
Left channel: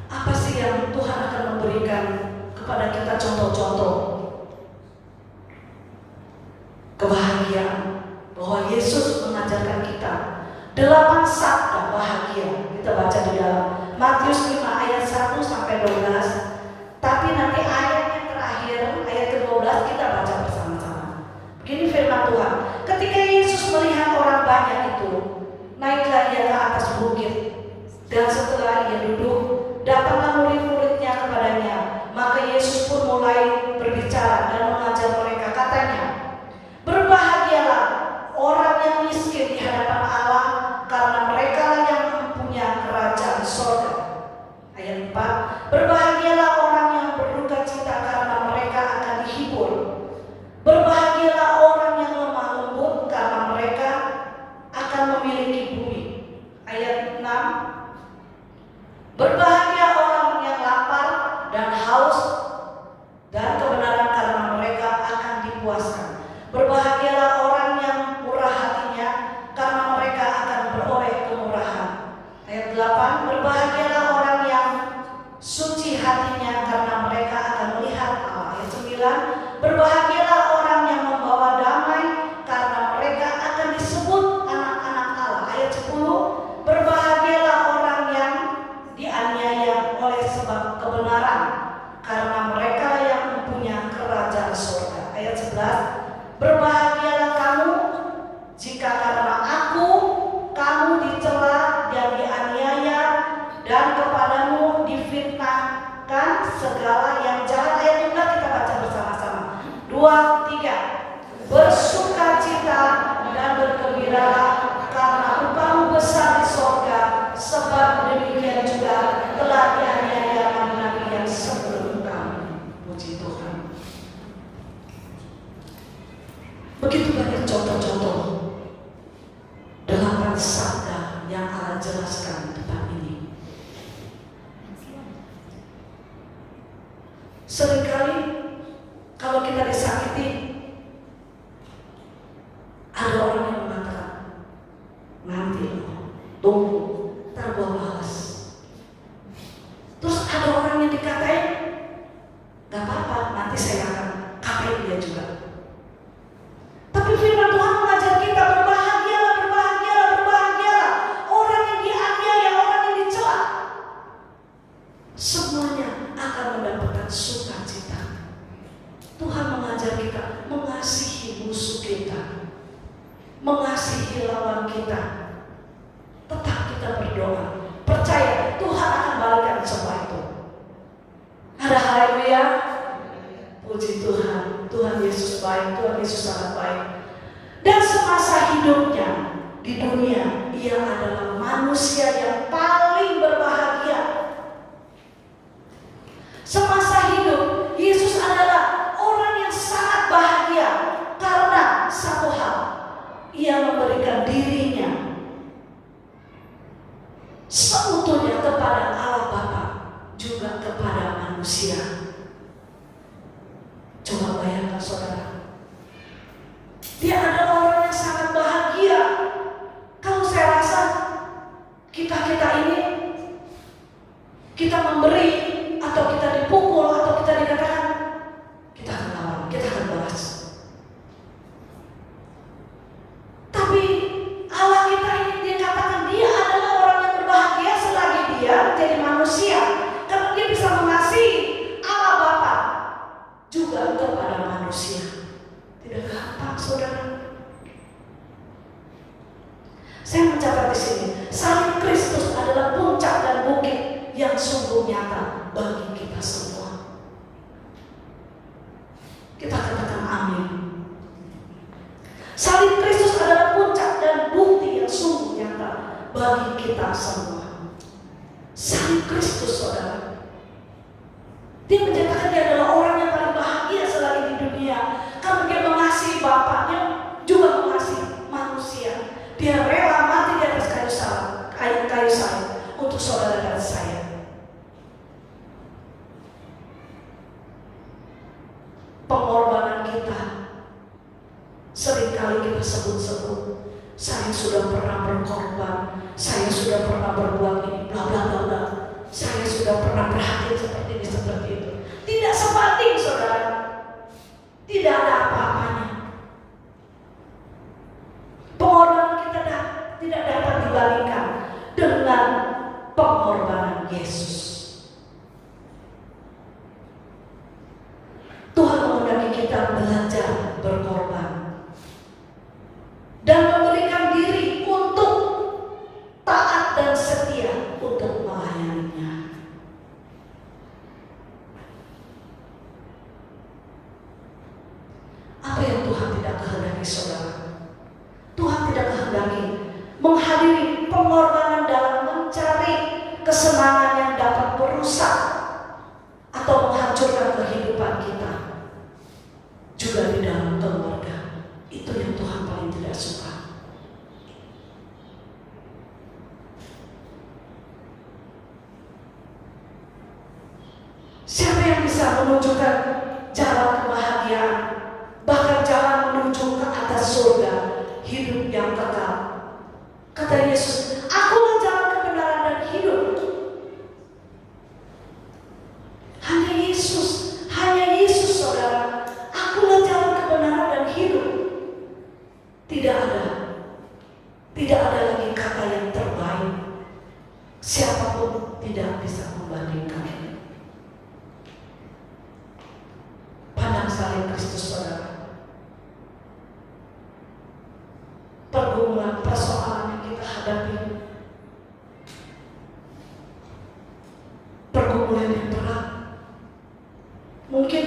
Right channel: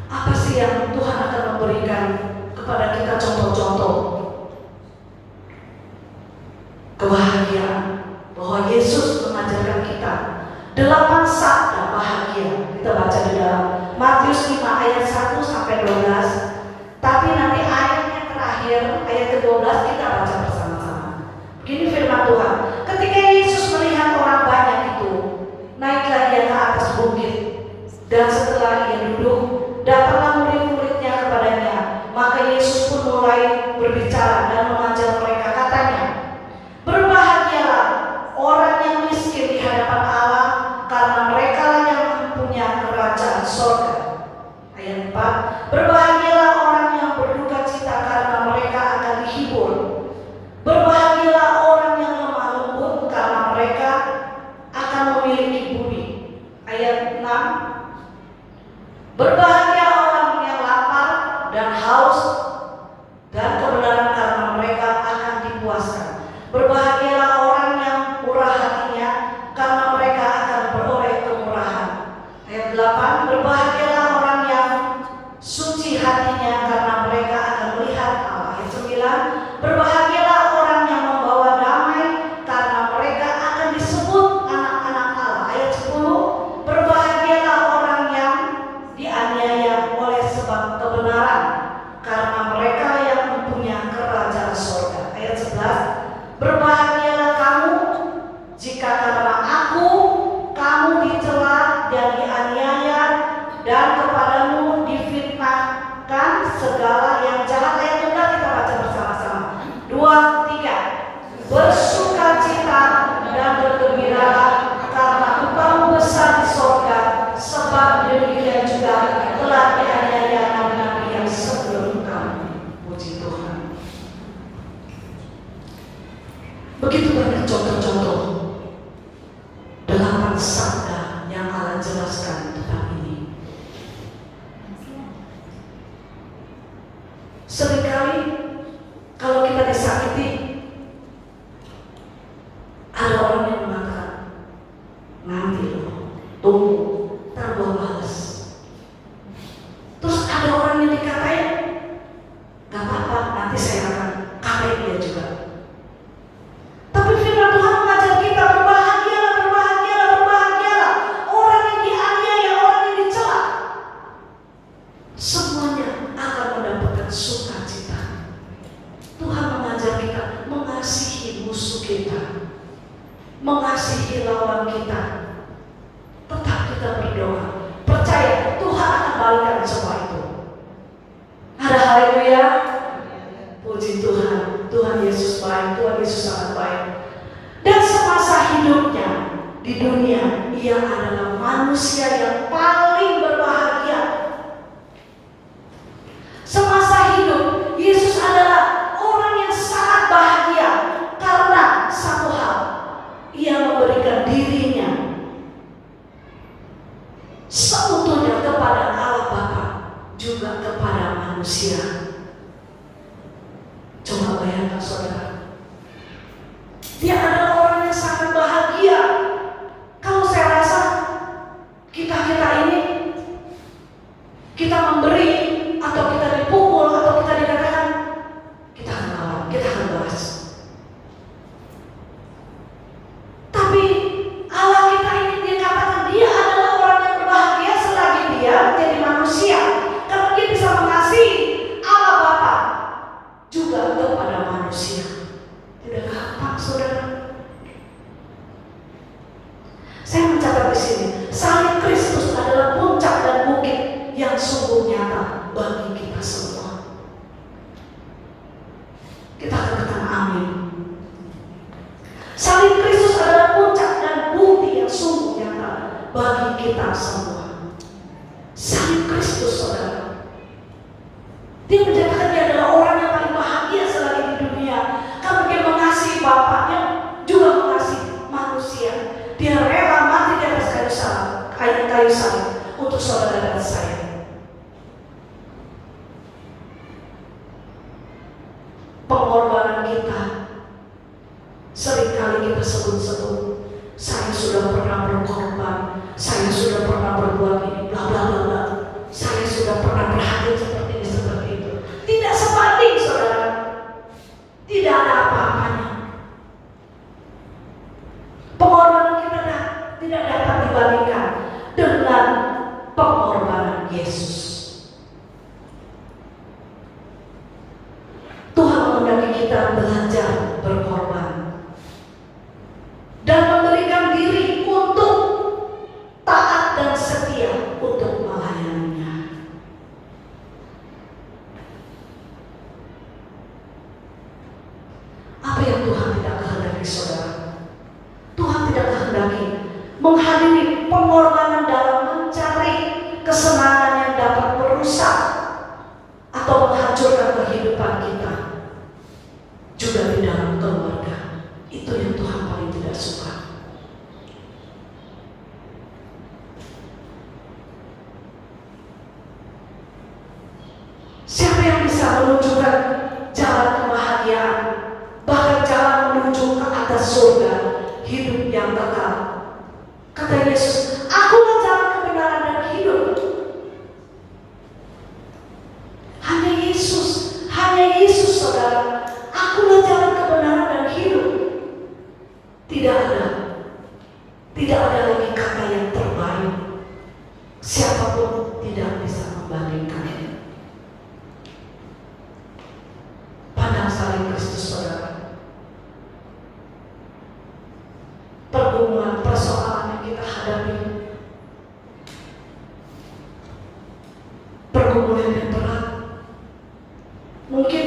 Apa sih yang Tuhan akan memberikan kepada kita contoh-contoh kebahagiaan, bahwa Yesus mengajarkan kita 8 sabda bahagia. Kita baca di dalam Matius 5 ayat 1 sampai 12. Tapi nanti ayat yang terakhir, ayat ke-12 kita baca bersama-sama. Begini firman Tuhan. Ketika Yesus melihat orang banyak itu, naiklah Dia ke atas bukit, dan setelah Ia duduk, datanglah murid-muridnya kepadanya. Maka Yesus pun mulai berbicara dan mengajar mereka. Katanya, berbahagialah orang yang miskin di hadapan Allah, karena mereka yang mempunyai kerajaan surga. Ayat 4, berbahagialah orang yang berduka cita, karena mereka akan dihibur. Berbahagialah orang yang lemah lembut, karena mereka akan memiliki bumi. Ayat 6, berbahagia orang yang lapar dan haus dan kebenaran, karena mereka akan dipuaskan. Berbahagialah orang yang murah hatinya, karena mereka akan beroleh kemurahan. Ayat 8, berbahagialah orang yang suci hatinya, karena mereka akan melihat Allah. Ayat 9, berbahagialah orang yang membawa damai, karena mereka akan disebut anak-anak Allah. Ayat 10, berbahagialah orang yang dianiaya oleh sebab kebenaran, karena mereka yang mempunyai kerajaan surga. Ayat 11, berbahagialah kamu jika karena aku kamu dicela dan dianiaya, dan kepadamu difitnahkan segala yang jahat. Ayat 12 kita baca bersama-sama. 2, 3, bersukacita dan bergembiralah, karena upahmu besar di surga, sebab demikian juga telah dianiaya nabi-nabi yang sebelum kamu. Puji Tuhan. Begitu banyak contoh-contoh 8 sabda yang Allah jelaskan tentang ini. Seringkali kalau kita disakiti, ada orang yang mengatakan, nanti tunggu, ntar gua balas. Terus ada orang yang dikatain, gak apa-apa, nanti saya akan katain dia juga. Tapi firman Tuhan mengajar kita, berbahagialah, berbahagialah, berbahagialah orang yang dianiaya, orang yang dicela, semuanya akan mendapatkan sukacita. Tuhan mengajar kita mengasihi musuh kita, mengasihi lawan kita. Tetap kita berdoa, percaya Tuhan akan balikan semua itu. Ada haleluya. Puji Tuhan. Tuhan Yesus baik, Tuhan Yesus sangat baik. Dan semasa hidupnya di dunia, Ia adalah manusia yang paling berbahagia. Semasa hidup, Yesus adalah orang yang sangat bahagia. bagi kita semua. Salib Kristus, saudara. Dia menjadikan dia adalah orang yang paling bahagia selagi di dunia. Karena dia mengasihi Bapaknya, juga mengasihi manusia. Dia rela mati di atas kayu salib untuk saudara dan saya. Pengorbanan kita seringkali kita sebut-sebut, saya sudah pernah berkorban, saya sudah pernah berbuat ini, bla bla bla, saya sudah pernah berhadir seperti ini, seperti itu. Tidak sebanding, saudara. Tidak ada apa-apanya. Pengorbanan kita tidak dapat dibandingkan dengan pengorbanan Yesus. Tuhan menghendaki kita belajar berkorban dan memberikan diri untuk taat dan setia untuk melayaninya. Apa yang Tuhan tidak kehendaki, saudara? Tuhan tidak kehendaki menghadiri pengorbanan dalam mencari kesenangan yang dapat merusak atau menghancurkan kehidupan kita. Juga di dalam keluarga. Itu yang Tuhan paling tidak suka. Siapa yang bisa menunjukkan jalan kebahagiaan, bahkan jalan menuju ke atas surga, hidup yang kekal? Kata Yesus, akulah jalan kebenaran dan hidup. Hanya Yesus, saudara. Akulah jalan kebenaran dan hidup. Tidak ada lagi kata yang terbaik. Siapapun tidak bisa membandingkan. Pandang salib Kristus, saudara. Pergumulan, persoalan yang kita hadapi, pergumulan yang berat, mungkin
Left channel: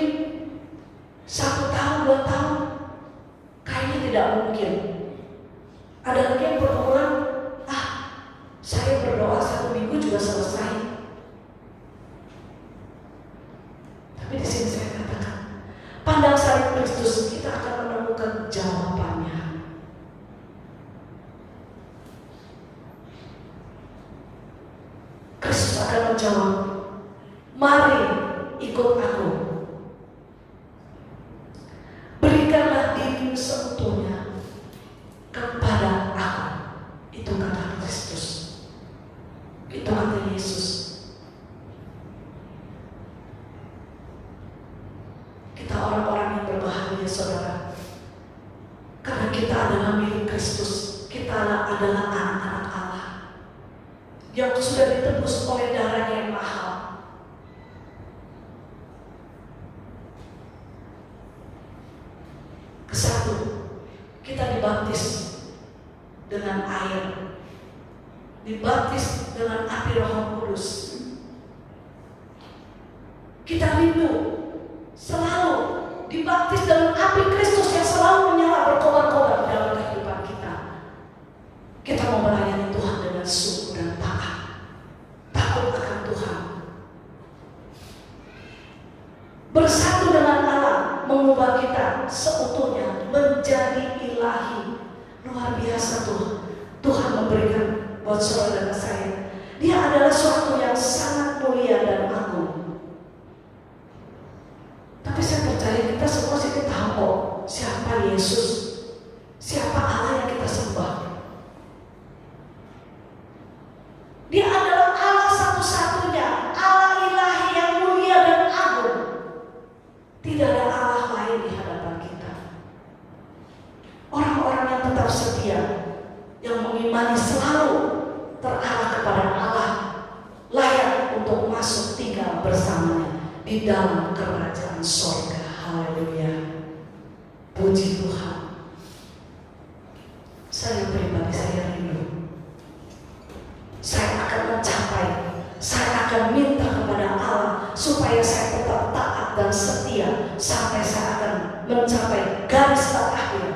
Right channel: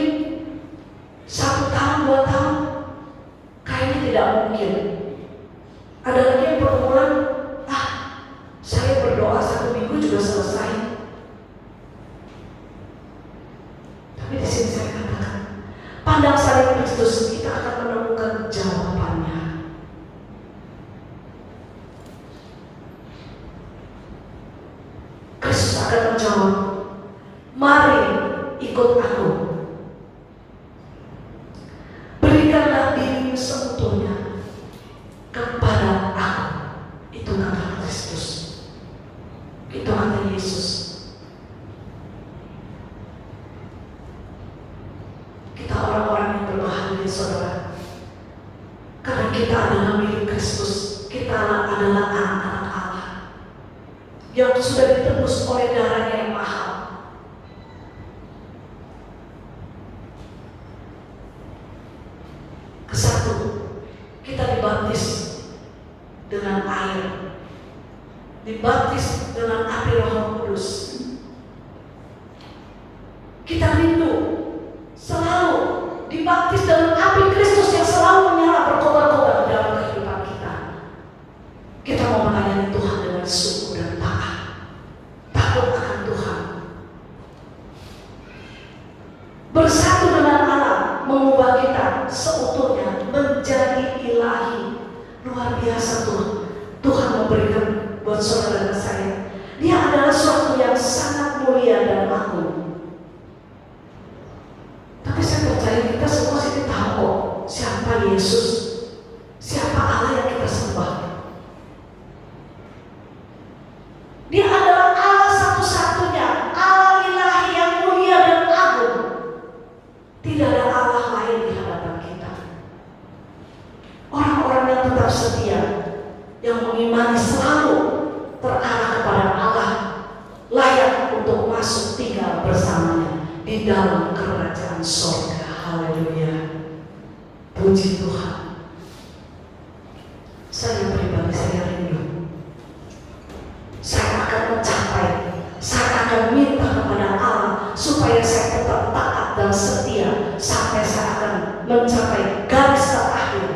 1 tahun, 2 tahun, kayaknya tidak mungkin. Ada lagi yang pergumulan, saya berdoa 1 minggu juga selesai. Tapi di sini saya katakan, pandang salib Kristus, kita akan menemukan jawabannya. Kristus akan menjawab, mari ikut aku. Berikanlah dirimu seutuhnya kepada aku. Itu kata Kristus. Itu kata Yesus. Kita orang-orang yang berbahagia, saudara. Karena kita adalah milik Kristus. Kita adalah anak-anak Allah yang sudah ditebus oleh darahnya yang mahal. Kesatu, kita dibaptis dengan air, dibaptis dengan api Roh Kudus. Kita rindu selalu dibaptis dengan api Kristus yang selalu menyala berkobar-kobar dalam kehidupan kita. Kita mau melayani Tuhan dengan sungguh dan taat, takut akan Tuhan, bersatu dengan Allah, mengubah kita seutuhnya menjadi ilahi. Luar biasa Tuhan memberikan buat saudara dan saya. Dia adalah suatu yang sangat mulia dan agung. Tapi saya percaya kita semua sih tahu kok siapa Yesus, siapa Allah yang kita sembah. Dia adalah Allah satu-satunya, Allah ilahi yang mulia dan agung. Tidak ada Allah lain di hadapan kita. Orang-orang yang tetap setia, yang mengimani selalu terarah kepada Allah, layak untuk masuk tinggal bersamanya di dalam kerajaan sorga. Haleluya. Puji Tuhan. Saya pribadi, saya rindu. Saya akan mencapai, saya akan minta kepada Allah supaya saya tetap taat dan setia sampai saya akan mencapai garis terakhir,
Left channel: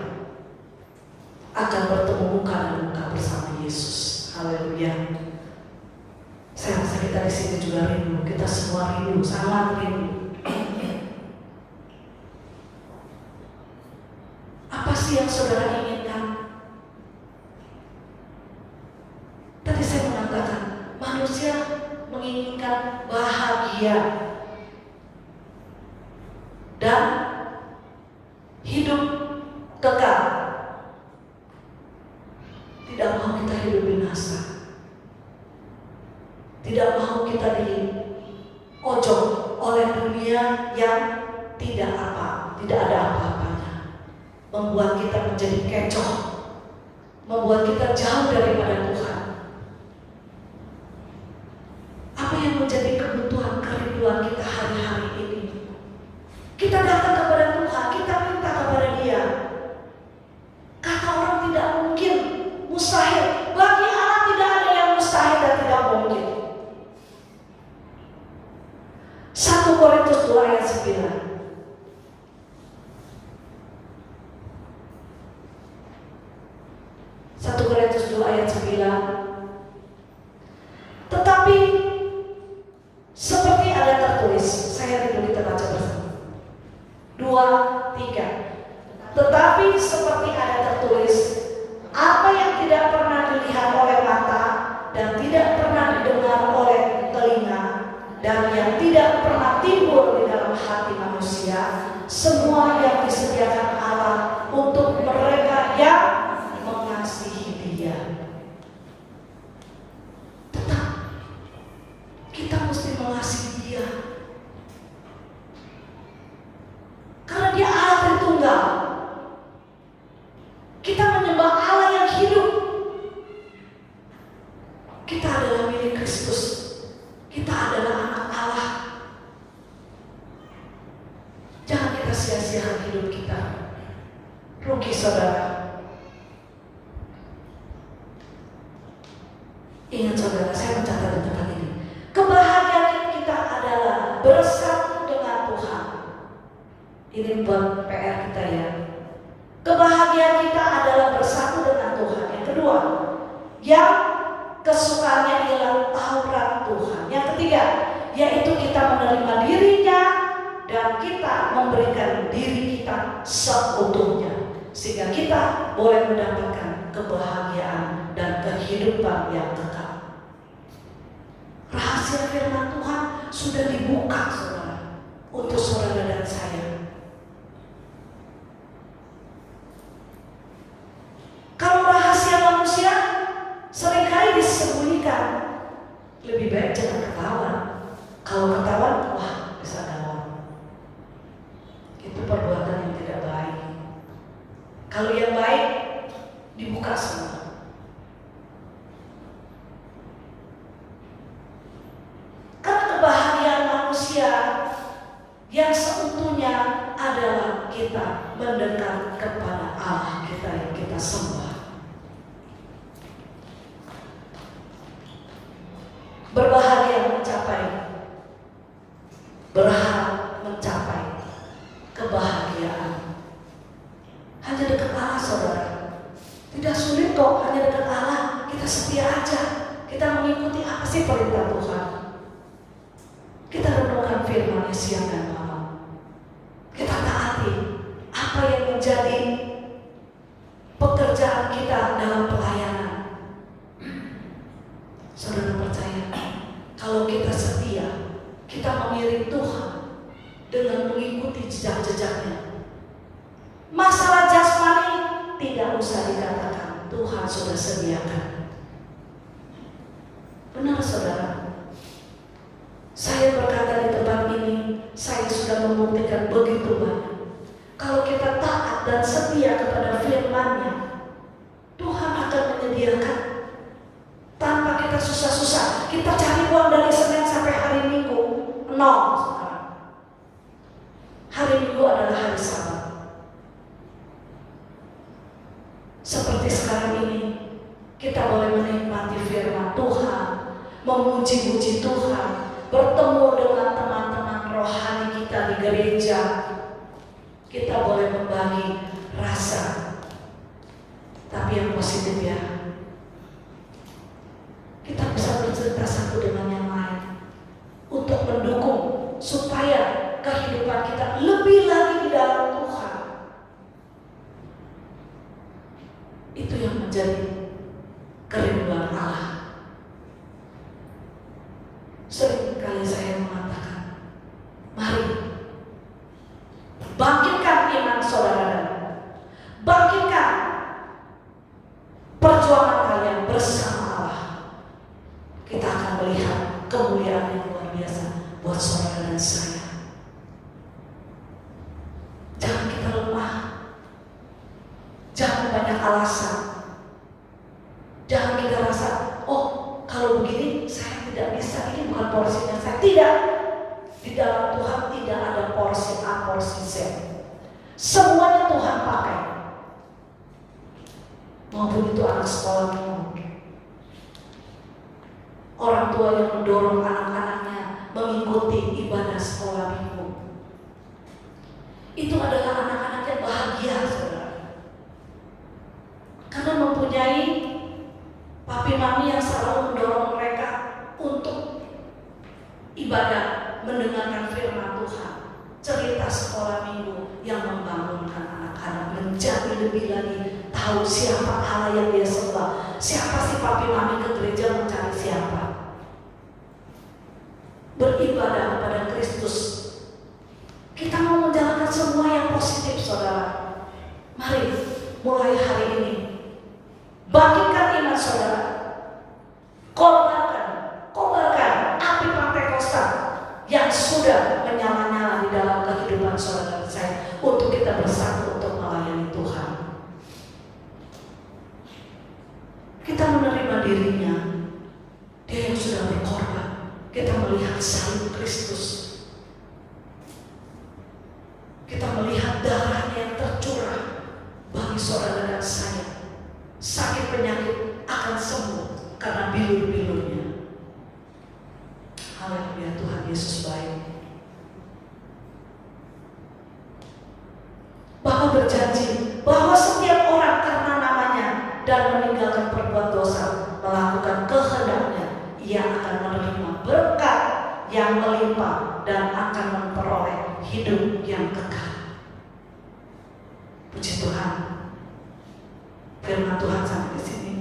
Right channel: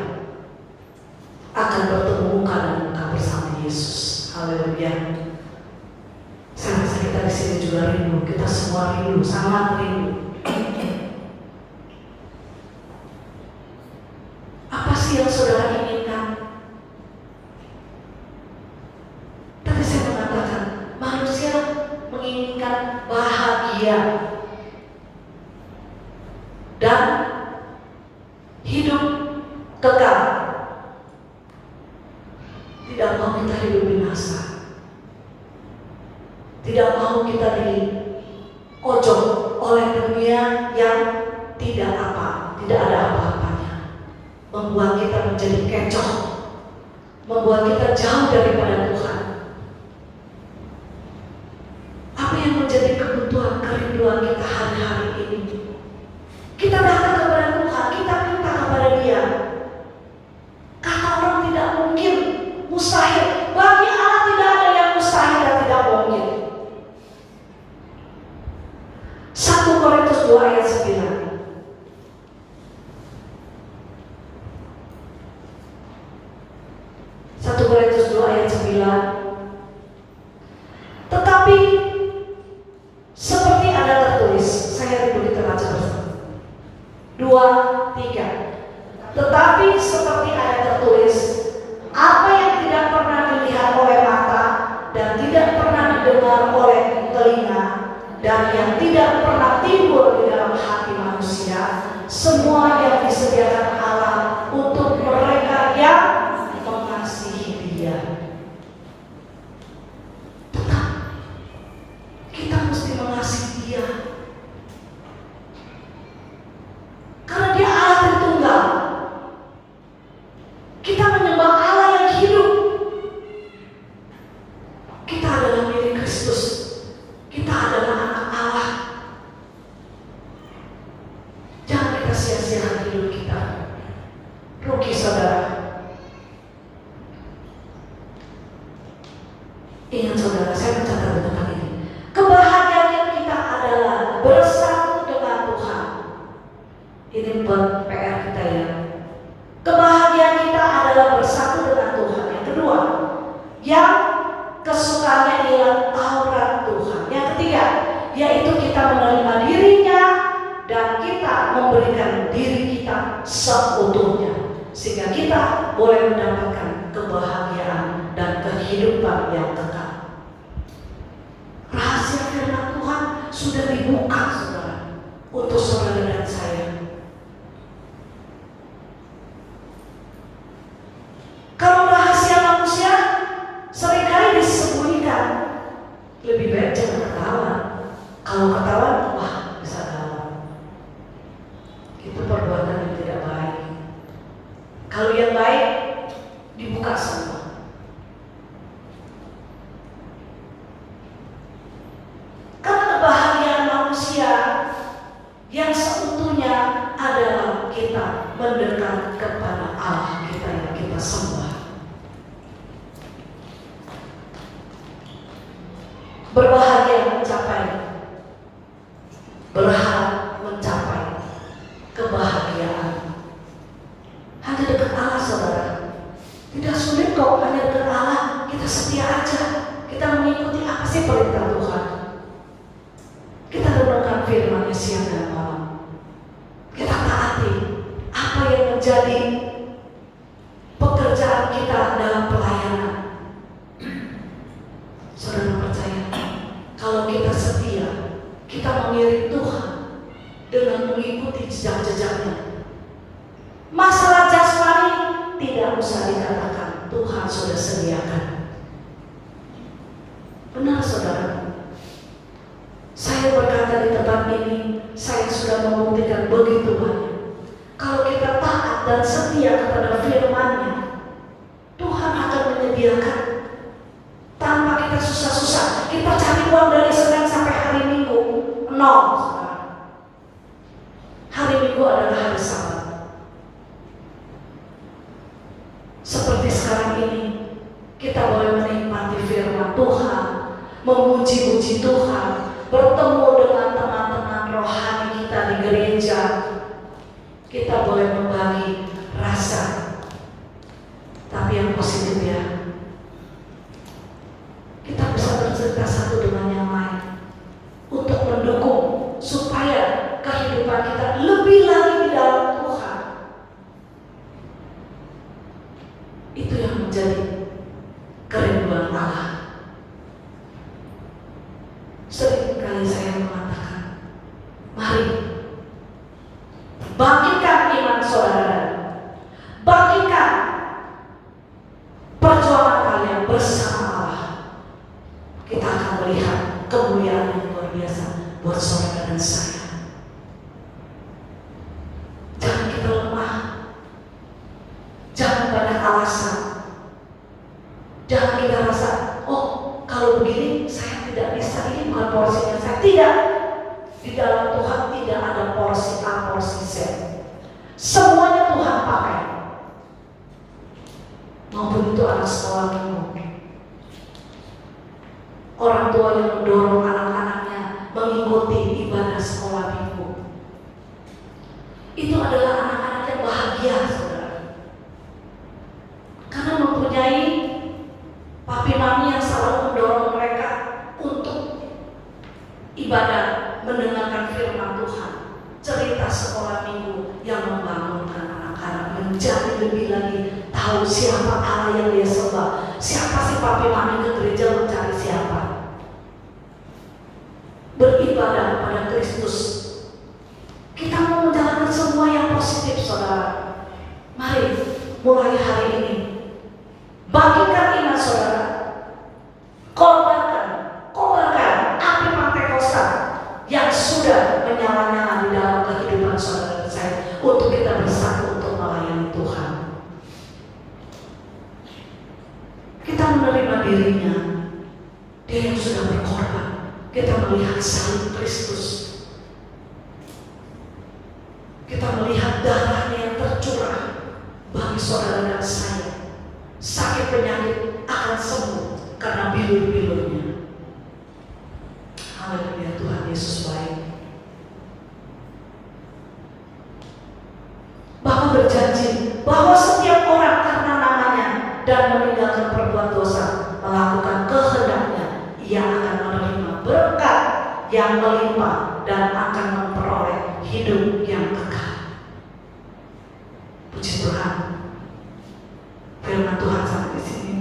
akan bertemu muka dan muka bersama Yesus. Haleluya. Saya rasa kita di sini juga rindu, kita semua rindu, sangat rindu. Apa sih yang saudara inginkan? Tadi saya mengatakan manusia menginginkan bahagia dan hidup kekal. Tidak mau kita hidup binasa. Tidak mau kita diojok oleh dunia yang tidak ada apa-apanya. Membuat kita menjadi kecoh, membuat kita jauh daripada Tuhan. Apa yang menjadi kebutuhan, kerinduan kita hari-hari ini? Kita datang kepada Tuhan, kita minta kepada Dia. Kata orang tidak mungkin, mustahil. Bagi Allah tidak ada yang mustahil dan tidak mungkin. 1 Korintus 2 ayat 9. 1 Korintus 2 ayat 9. Tetapi seperti ada tertulis, saya rindu kita baca bersama. 2, 3. Tetapi seperti ada tertulis, apa yang tidak pernah dilihat oleh mata dan tidak pernah didengar oleh telinga dan yang tidak pernah timbul di dalam hati manusia, semua yang disediakan Allah untuk mereka yang mengasihi Dia. Tetap kita mesti mengasihi Dia, karena Dia Allah Tritunggal. Kita menyembah Allah yang hidup. Kita adalah milik Kristus. Kita adalah anak Allah. Jangan kita sia-siakan hidup kita. Rugi saudara. Ingat saudara, saya mencatat tentang ini. Kebahagiaan kita adalah bersatu dengan Tuhan. Ini buat PR kita ya. Kebahagiaan kita adalah bersatu dengan Tuhan. Yang kedua, yang kesukaannya ialah Taurat Tuhan. Yang ketiga, yaitu kita menerima dirinya dan kita memberikan diri kita seutuhnya, sehingga kita boleh mendapatkan kebahagiaan dan kehidupan yang kekal. Rahasia firman Tuhan sudah dibuka saudara, untuk saudara dan saya. Kalau rahasia manusia seringkali disembunyikan, lebih baik jangan ketahuan. Kalau ketahuan, wah bisa ketahuan. Itu perbuatan yang tidak baik. Kalau yang baik dibuka semua. Karena kebahagiaan manusia yang seutuhnya adalah kita mendekat kepada Allah kita yang kita sembah. Berbahagia berharap mencapai kebahagiaan. Hanya dekat Allah saudara. Tidak sulit kok, hanya dekat Allah. Kita setia aja. Kita mengikuti apa sih perintah Tuhan. Kita renungkan firman-Nya siang dan malam. Kita taati apa yang menjadi pekerjaan kita dalam pelayanan. Saudara percaya, kalau kita setia, kita mengiring Tuhan dengan mengikuti jejak-jejaknya. Masalah jasmani tidak usah dikatakan, Tuhan sudah sediakan. Benar saudara. Saya berkata di tempat ini, saya sudah membuktikan begitu banyak. Kalau kita taat dan setia kepada firman-Nya, Tuhan akan menyediakan. Tanpa kita susah-susah, kita cari uang dari Senin sampai hari Minggu, nol. Hari Minggu adalah hari Sabat. Seperti sekarang ini, kita boleh menikmati firman Tuhan, memuji-muji Tuhan, bertemu dengan teman-teman rohani kita di gereja. Kita boleh membagi rasa, tapi yang positif ya. Itu yang menjadi kerinduan Allah. Seringkali saya mengatakan, mari bangkitkan iman saudara, bangkitkan perjuangan kalian bersama Allah. Kita akan melihat kemuliaan yang luar biasa buat saudara dan saya. Jangan kita lemah, jangan banyak alasan, jangan kita rasa, oh kalau begini saya tidak bisa, ini bukan porsinya saya. Tidak, di dalam Tuhan tidak ada porsi A, porsi Z. Semuanya Tuhan pakai. Maupun itu anak sekolah minggu, orang tua yang mendorong anak-anaknya mengikuti ibadah sekolah minggu. Itu adalah anak-anak yang bahagia, saudara. Karena mempunyai papi mami yang selalu mendorong mereka untuk ibadah, mendengarkan firman Tuhan, cerita sekolah minggu yang membangunkan anak-anak menjadi lebih lagi tahu siapa Allah yang dia sembah. Siapa sih papi mami ke gereja mencari siapa? Beribadah pada Kristus. Kita mau menjalankan semua yang positif, saudara. Mari mulai hari ini bangkitkan iman saudara. Kobarkan api Pentakosta yang sudah menyala-nyala di dalam kehidupan saudara dan saya, untuk kita bersatu untuk melayani Tuhan. Kita menerima dirinya, dia yang sudah berkorban. Kita melihat salib Kristus, kita melihat darahnya yang tercurah bagi saudara dan saya. Sakit penyakit akan sembuh karena bilur-bilurnya. Haleluya, Tuhan Yesus baik. Bahkan berjanji bahwa setiap orang karena namanya dan meninggalkan perbuatan dosa, melakukan kehendaknya, ia akan menerima berkat yang melimpah dan akan memperoleh hidup yang kekal. Puji Tuhan. Firman Tuhan sampai di sini.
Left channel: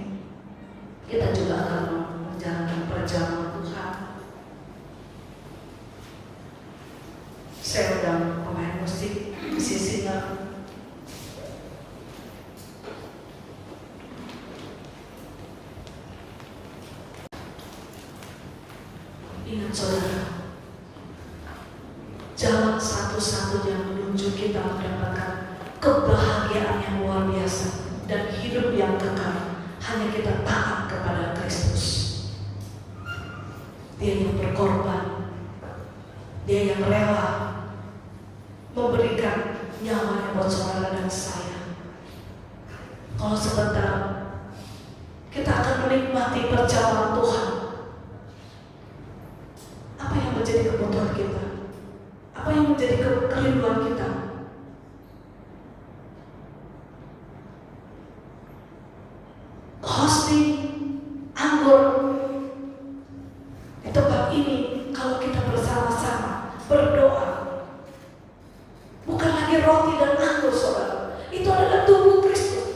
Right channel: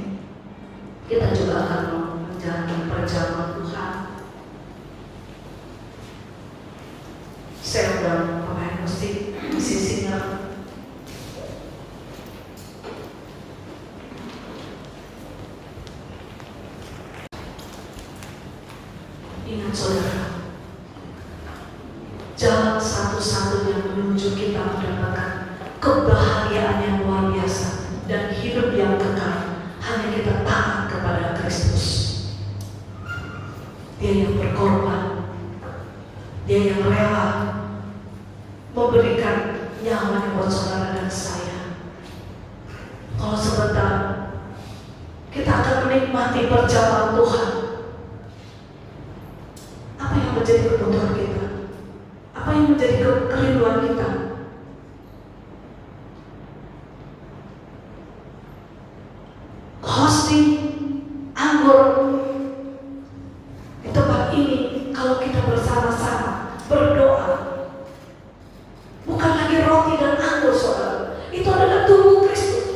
Kita juga akan menjalankan perjalanan Tuhan. Saya undang pemain musik, musisinya. Ingat saudara, jalan satu-satunya menuju kita mendapatkan kebahagiaan yang luar biasa dan hidup yang kekal hanya kita taat kepada Kristus. Dia yang berkorban, dia yang rela memberikan nyawanya buat saudara dan saya. Kalau sebentar kita akan menikmati perjalanan Tuhan. Apa yang menjadi kebutuhan kita? Apa yang menjadi kerinduan kita? Hosting anggur di tempat ini, kalau kita bersama-sama berdoa, bukan lagi roti dan anggur, saudara. Itu adalah tubuh Kristus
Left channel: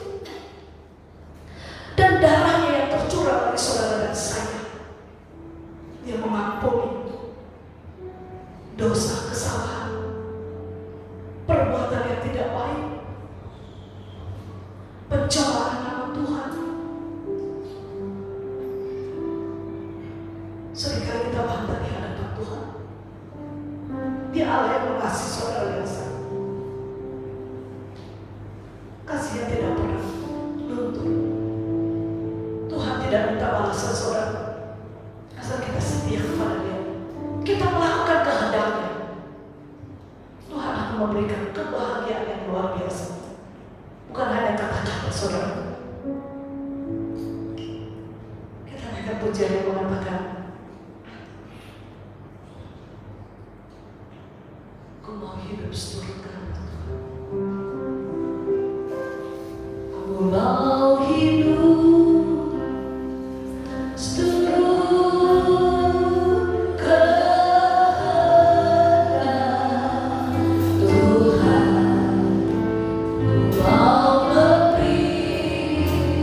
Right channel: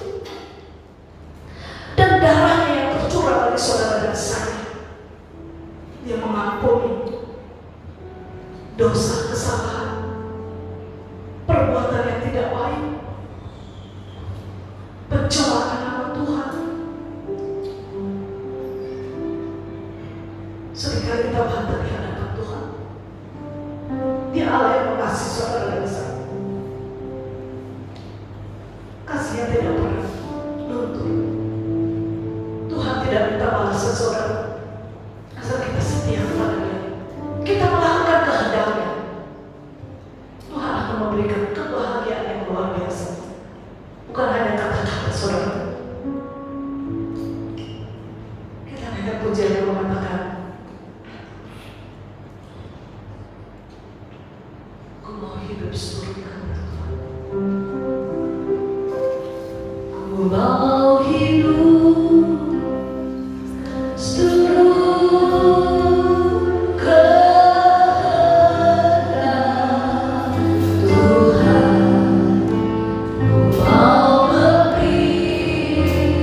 dan darahnya yang tercurah bagi saudara dan saya. Dia mengampuni dosa, kesalahan, perbuatan yang tidak baik, pencemaran nama Tuhan. Seringkali kita bantah di hadapan Tuhan. Dia Allah yang mengasihi saudara dan saya. Kasihnya tidak pernah luntur. Tuhan tidak minta balasan saudara, asal kita setia kepada Dia. Kita melakukan kehendaknya. Tuhan akan memberikan kebahagiaan yang luar biasa. Bukan hanya kata-kata saudara. Kita lihat pujian yang mengatakan, aku mau hidup seturut kehendak Tuhan. Aku mau hidup seturut kehendak Tuhan. Ku mau beribadah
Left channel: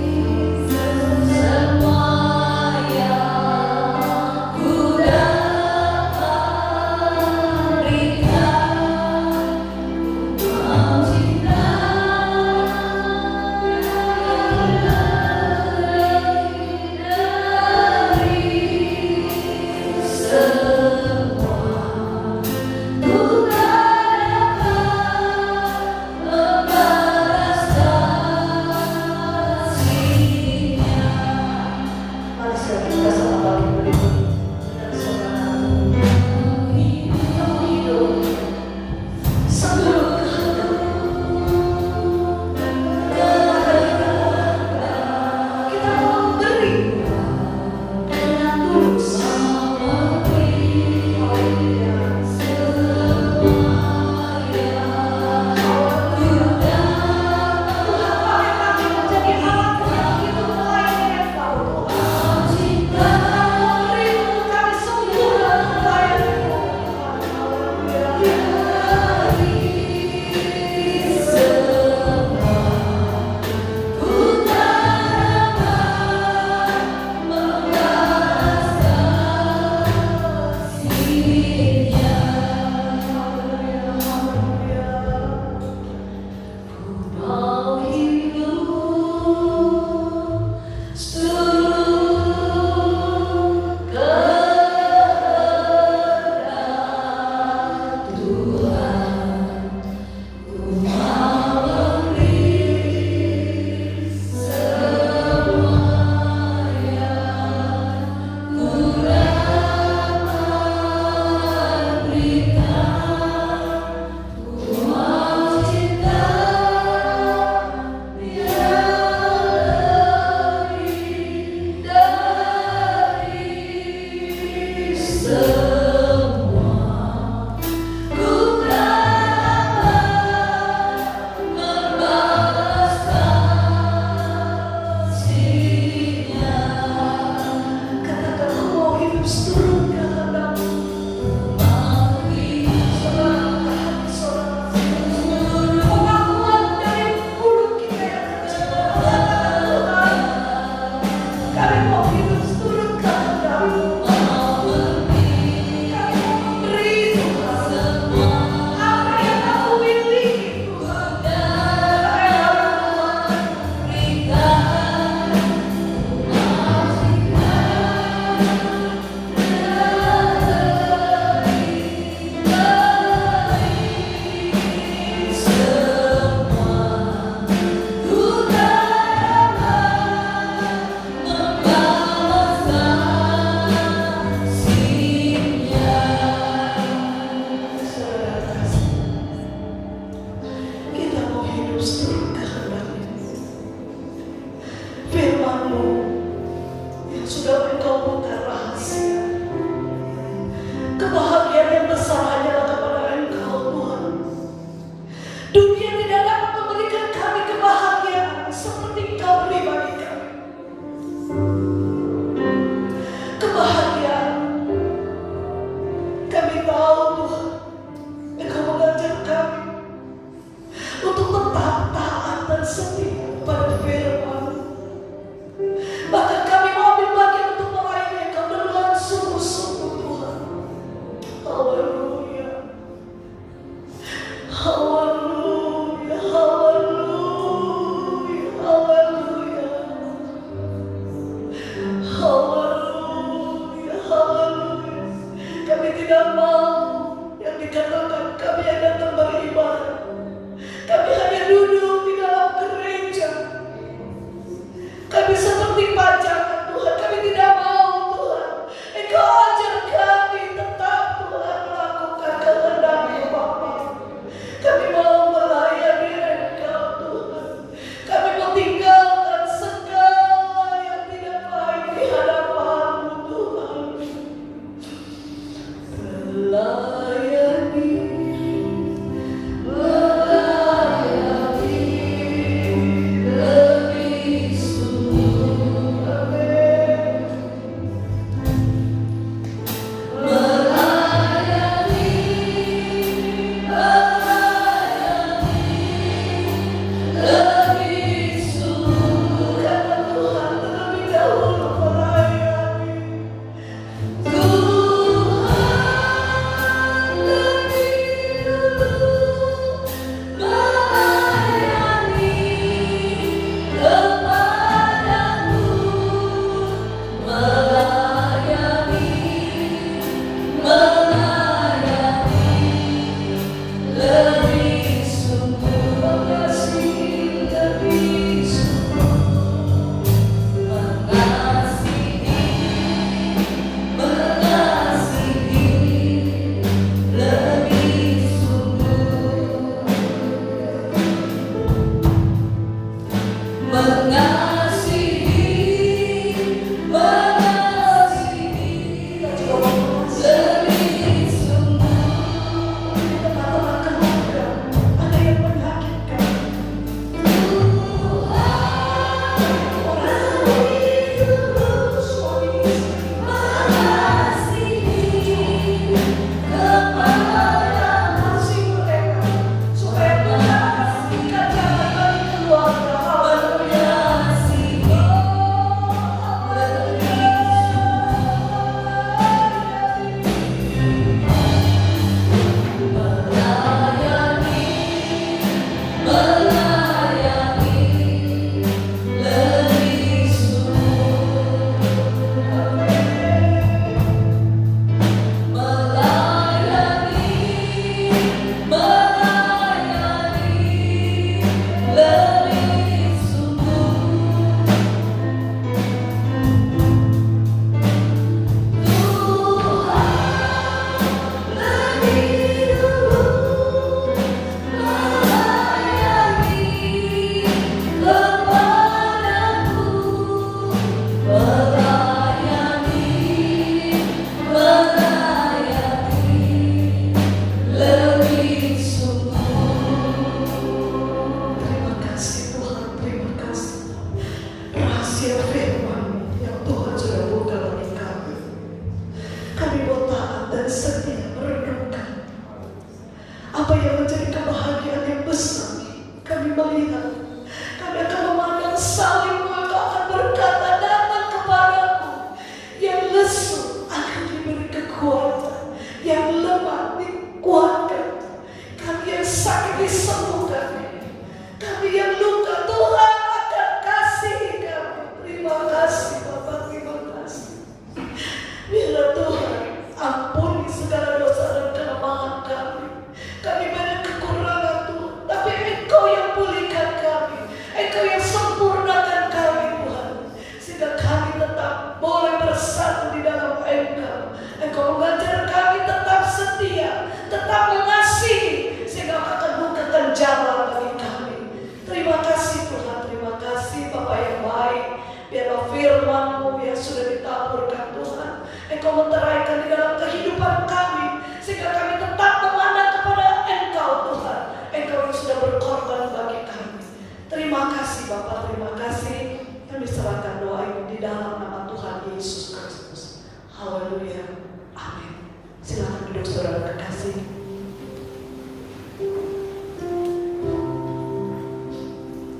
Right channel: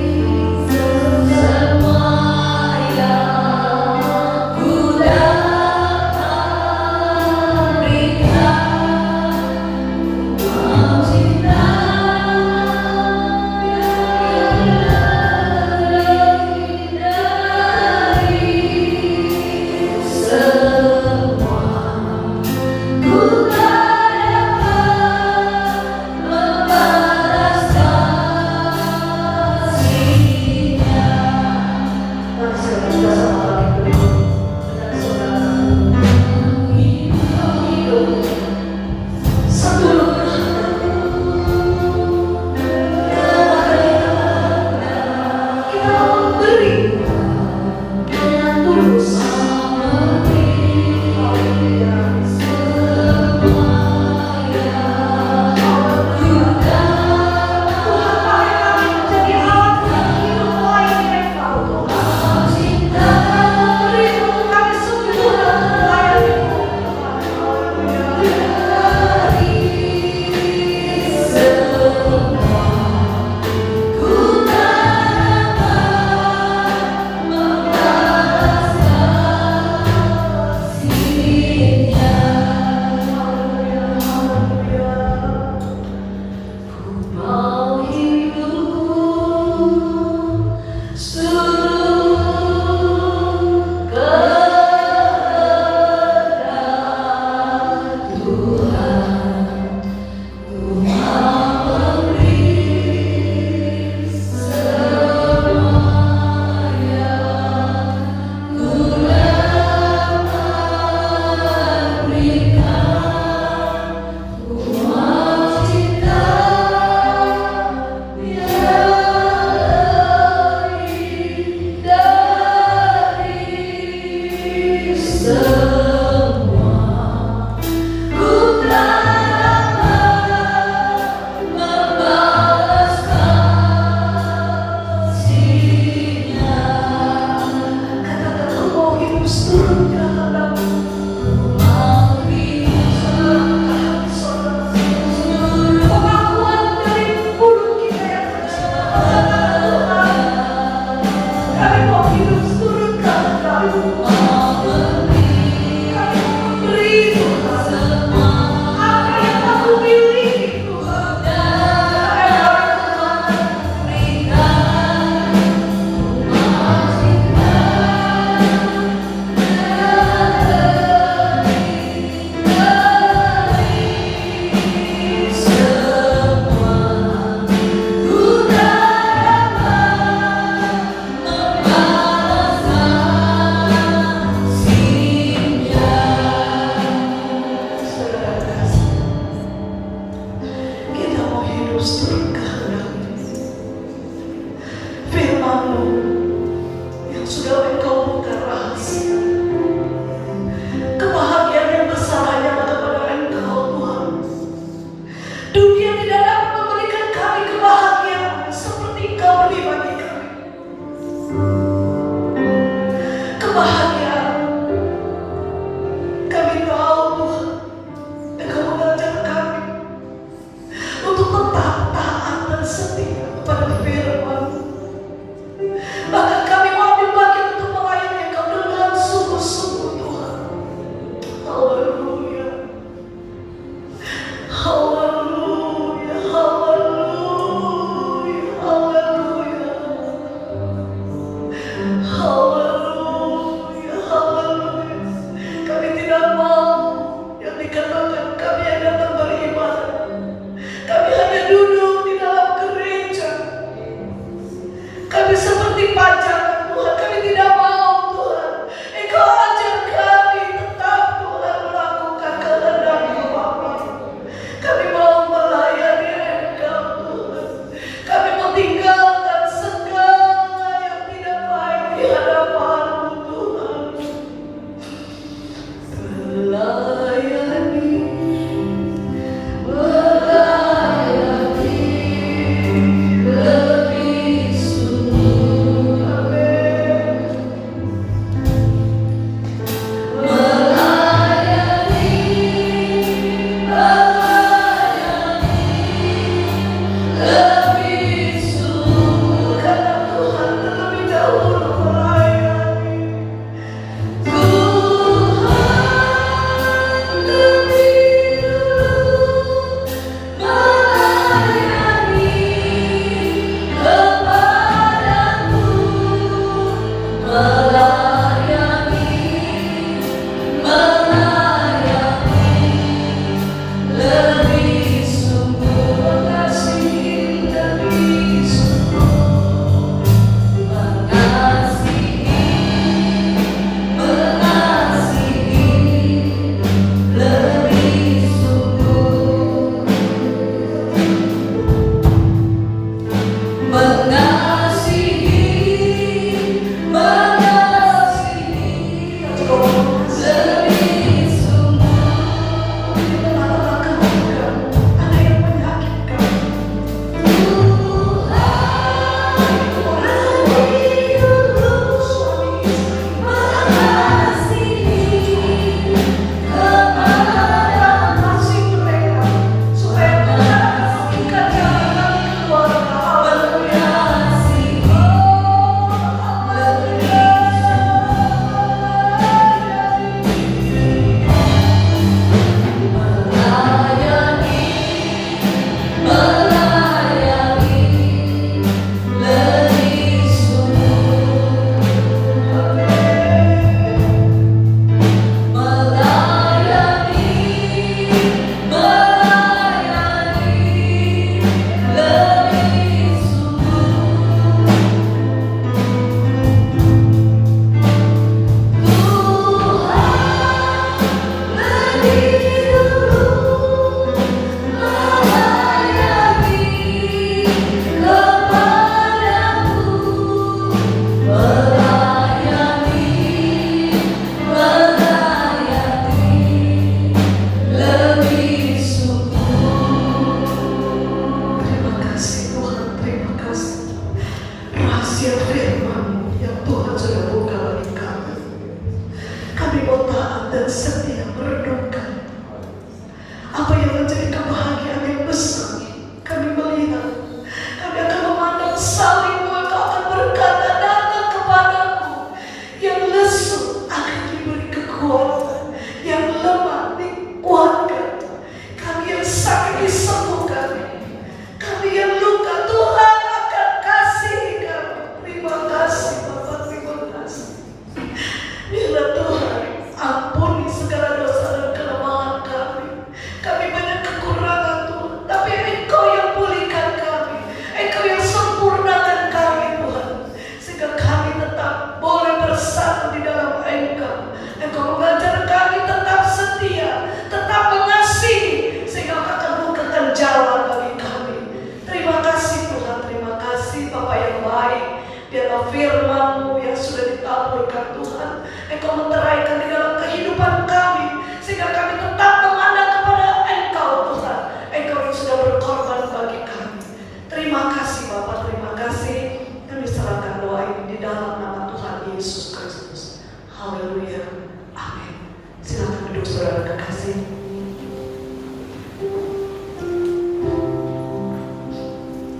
dalam firman-Mu yang sudah ditaburkan Tuhan, Engkau meteraikan di dalam kehidupan kami, sehingga kami tetap memandang kepada Engkau Tuhan, Engkau yang sudah berkorban bagi kami. Terima kasih Bapa, terima kasih. Kami serahkan doa ini di dalam nama Tuhan Yesus Kristus. Haleluya. Amin. Silakan duduk saudara kekasih.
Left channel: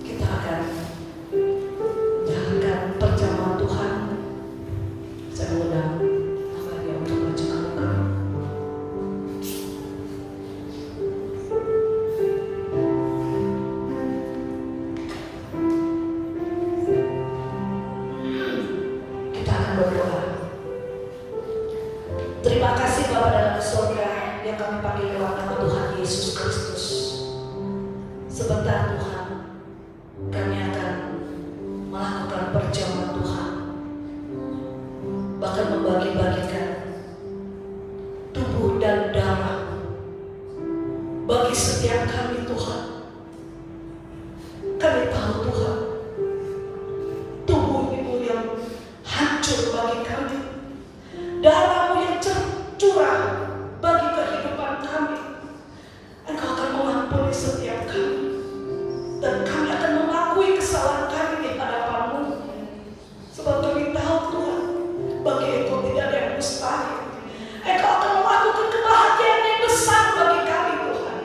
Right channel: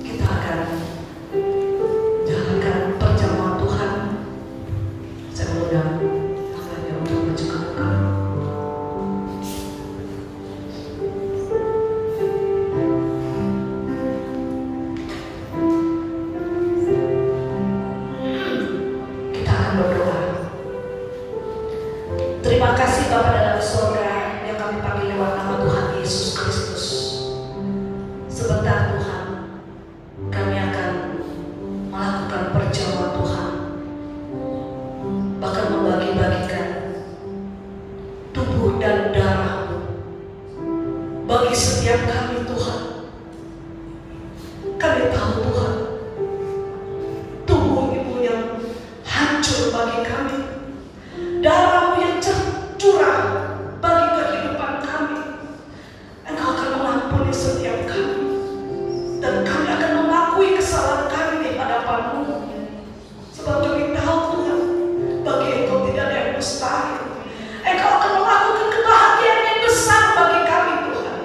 Kita akan jalankan perjamuan Tuhan. Saya undang tangannya untuk maju ke depan. Kita akan berdoa. Terima kasih Bapa dalam surga yang kami panggil lewat nama Tuhan Yesus Kristus. Sebentar Tuhan, kami akan melakukan perjamuan Tuhan, bahkan membagi-bagikan tubuh dan darah bagi setiap kami Tuhan. Kami tahu Tuhan, tubuh Ibu yang hancur bagi kami, darah-Mu yang curah bagi kehidupan kami. Engkau akan mengampuni setiap kami, dan kami akan mengakui kesalahan kami di hadapan-Mu. Sebab kami tahu Tuhan, bagi Engkau tidak ada yang mustahil. Engkau akan melakukan kebahagiaan yang besar bagi kami Tuhan.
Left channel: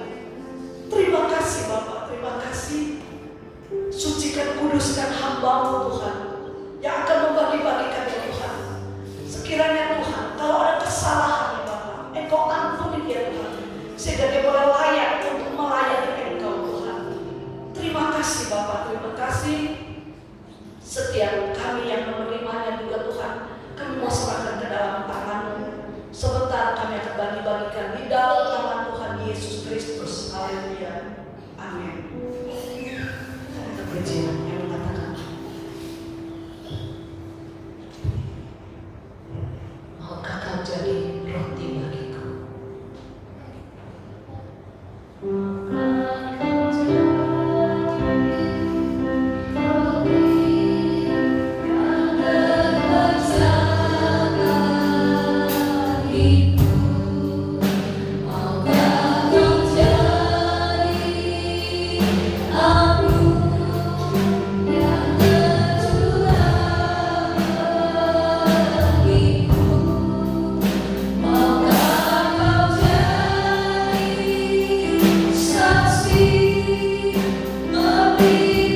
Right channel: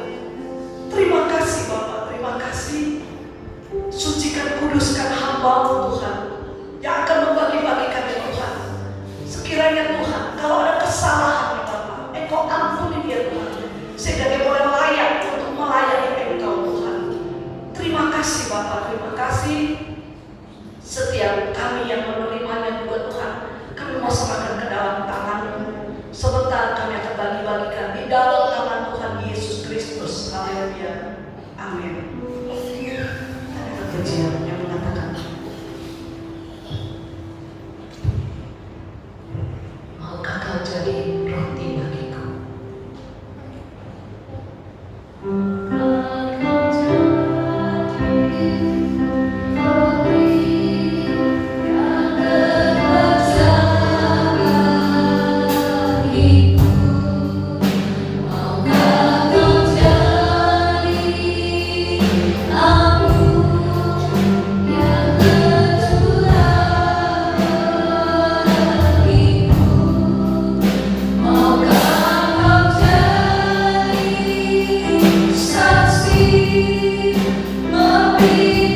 Terima kasih Bapa, terima kasih. Sucikan, kuduskan hamba-Mu Tuhan, yang akan membagi-bagikan Tuhan. Sekiranya Tuhan, kalau ada kesalahan di Bapa, Engkau ampuni dia Tuhan, sehingga dia boleh layak untuk melayani Engkau Tuhan. Terima kasih Bapa, terima kasih. Setiap kami yang menerimanya juga Tuhan, kami mau serahkan ke dalam tangan-Mu. Sebentar kami akan bagi-bagikan di dalam tangan Tuhan Yesus Kristus. Haleluya. Amin. Ada pujian yang mengatakan, maukah Kau jadi roti bagiku? Saksi memberi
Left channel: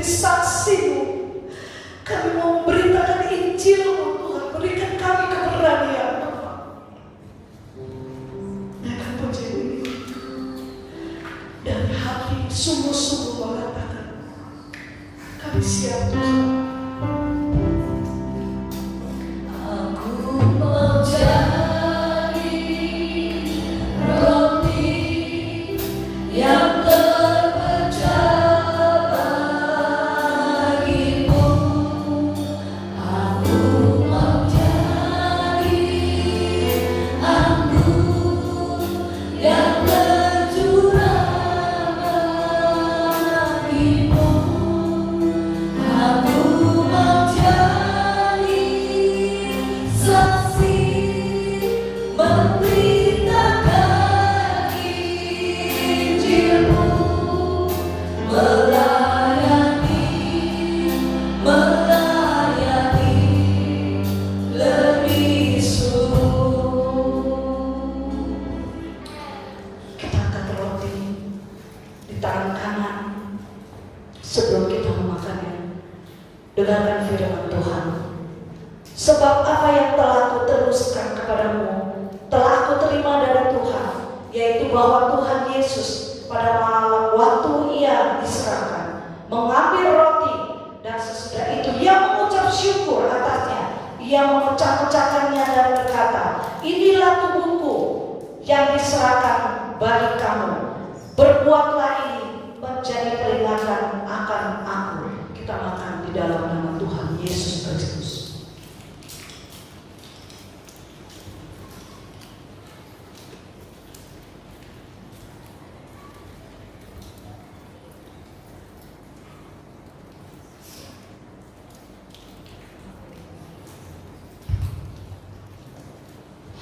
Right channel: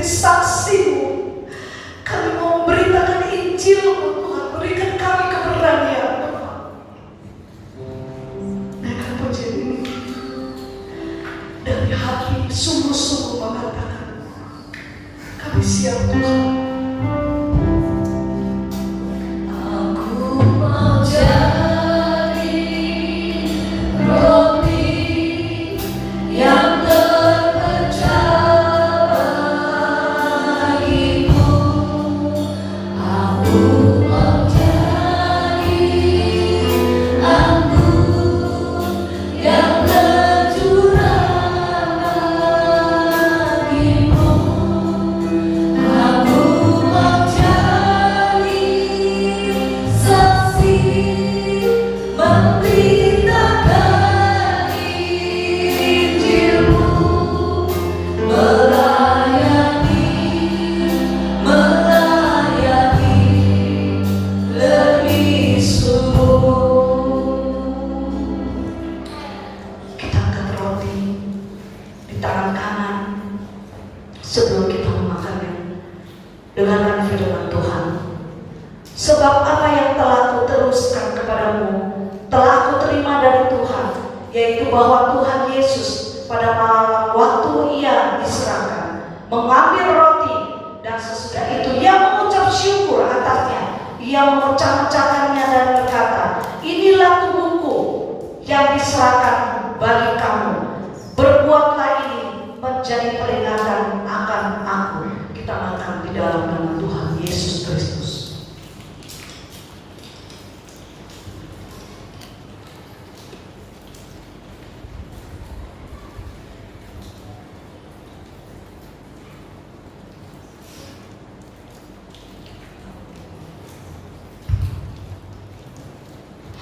seperti saksi-Mu. Kami mau memberitakan Injil-Mu Tuhan. Berikan kami keberanian. Naikkan pujian ini dari hati sungguh-sungguh mengatakan, kami siap Tuhan. Sebelum kita memakannya, dengarkan firman Tuhan. Sebab apa yang telah aku teruskan kepadamu telah aku terima dari Tuhan, yaitu bahwa Tuhan Yesus pada malam waktu Ia diserahkan mengambil roti, dan sesudah itu Ia mengucap syukur atasnya. Ia mengucap-ucapkannya dan berkata, inilah tubuhku yang diserahkan bagi kamu. Berbuatlah ini menjadi peringatan akan aku. Kita makan di dalam nama Tuhan Yesus Kristus.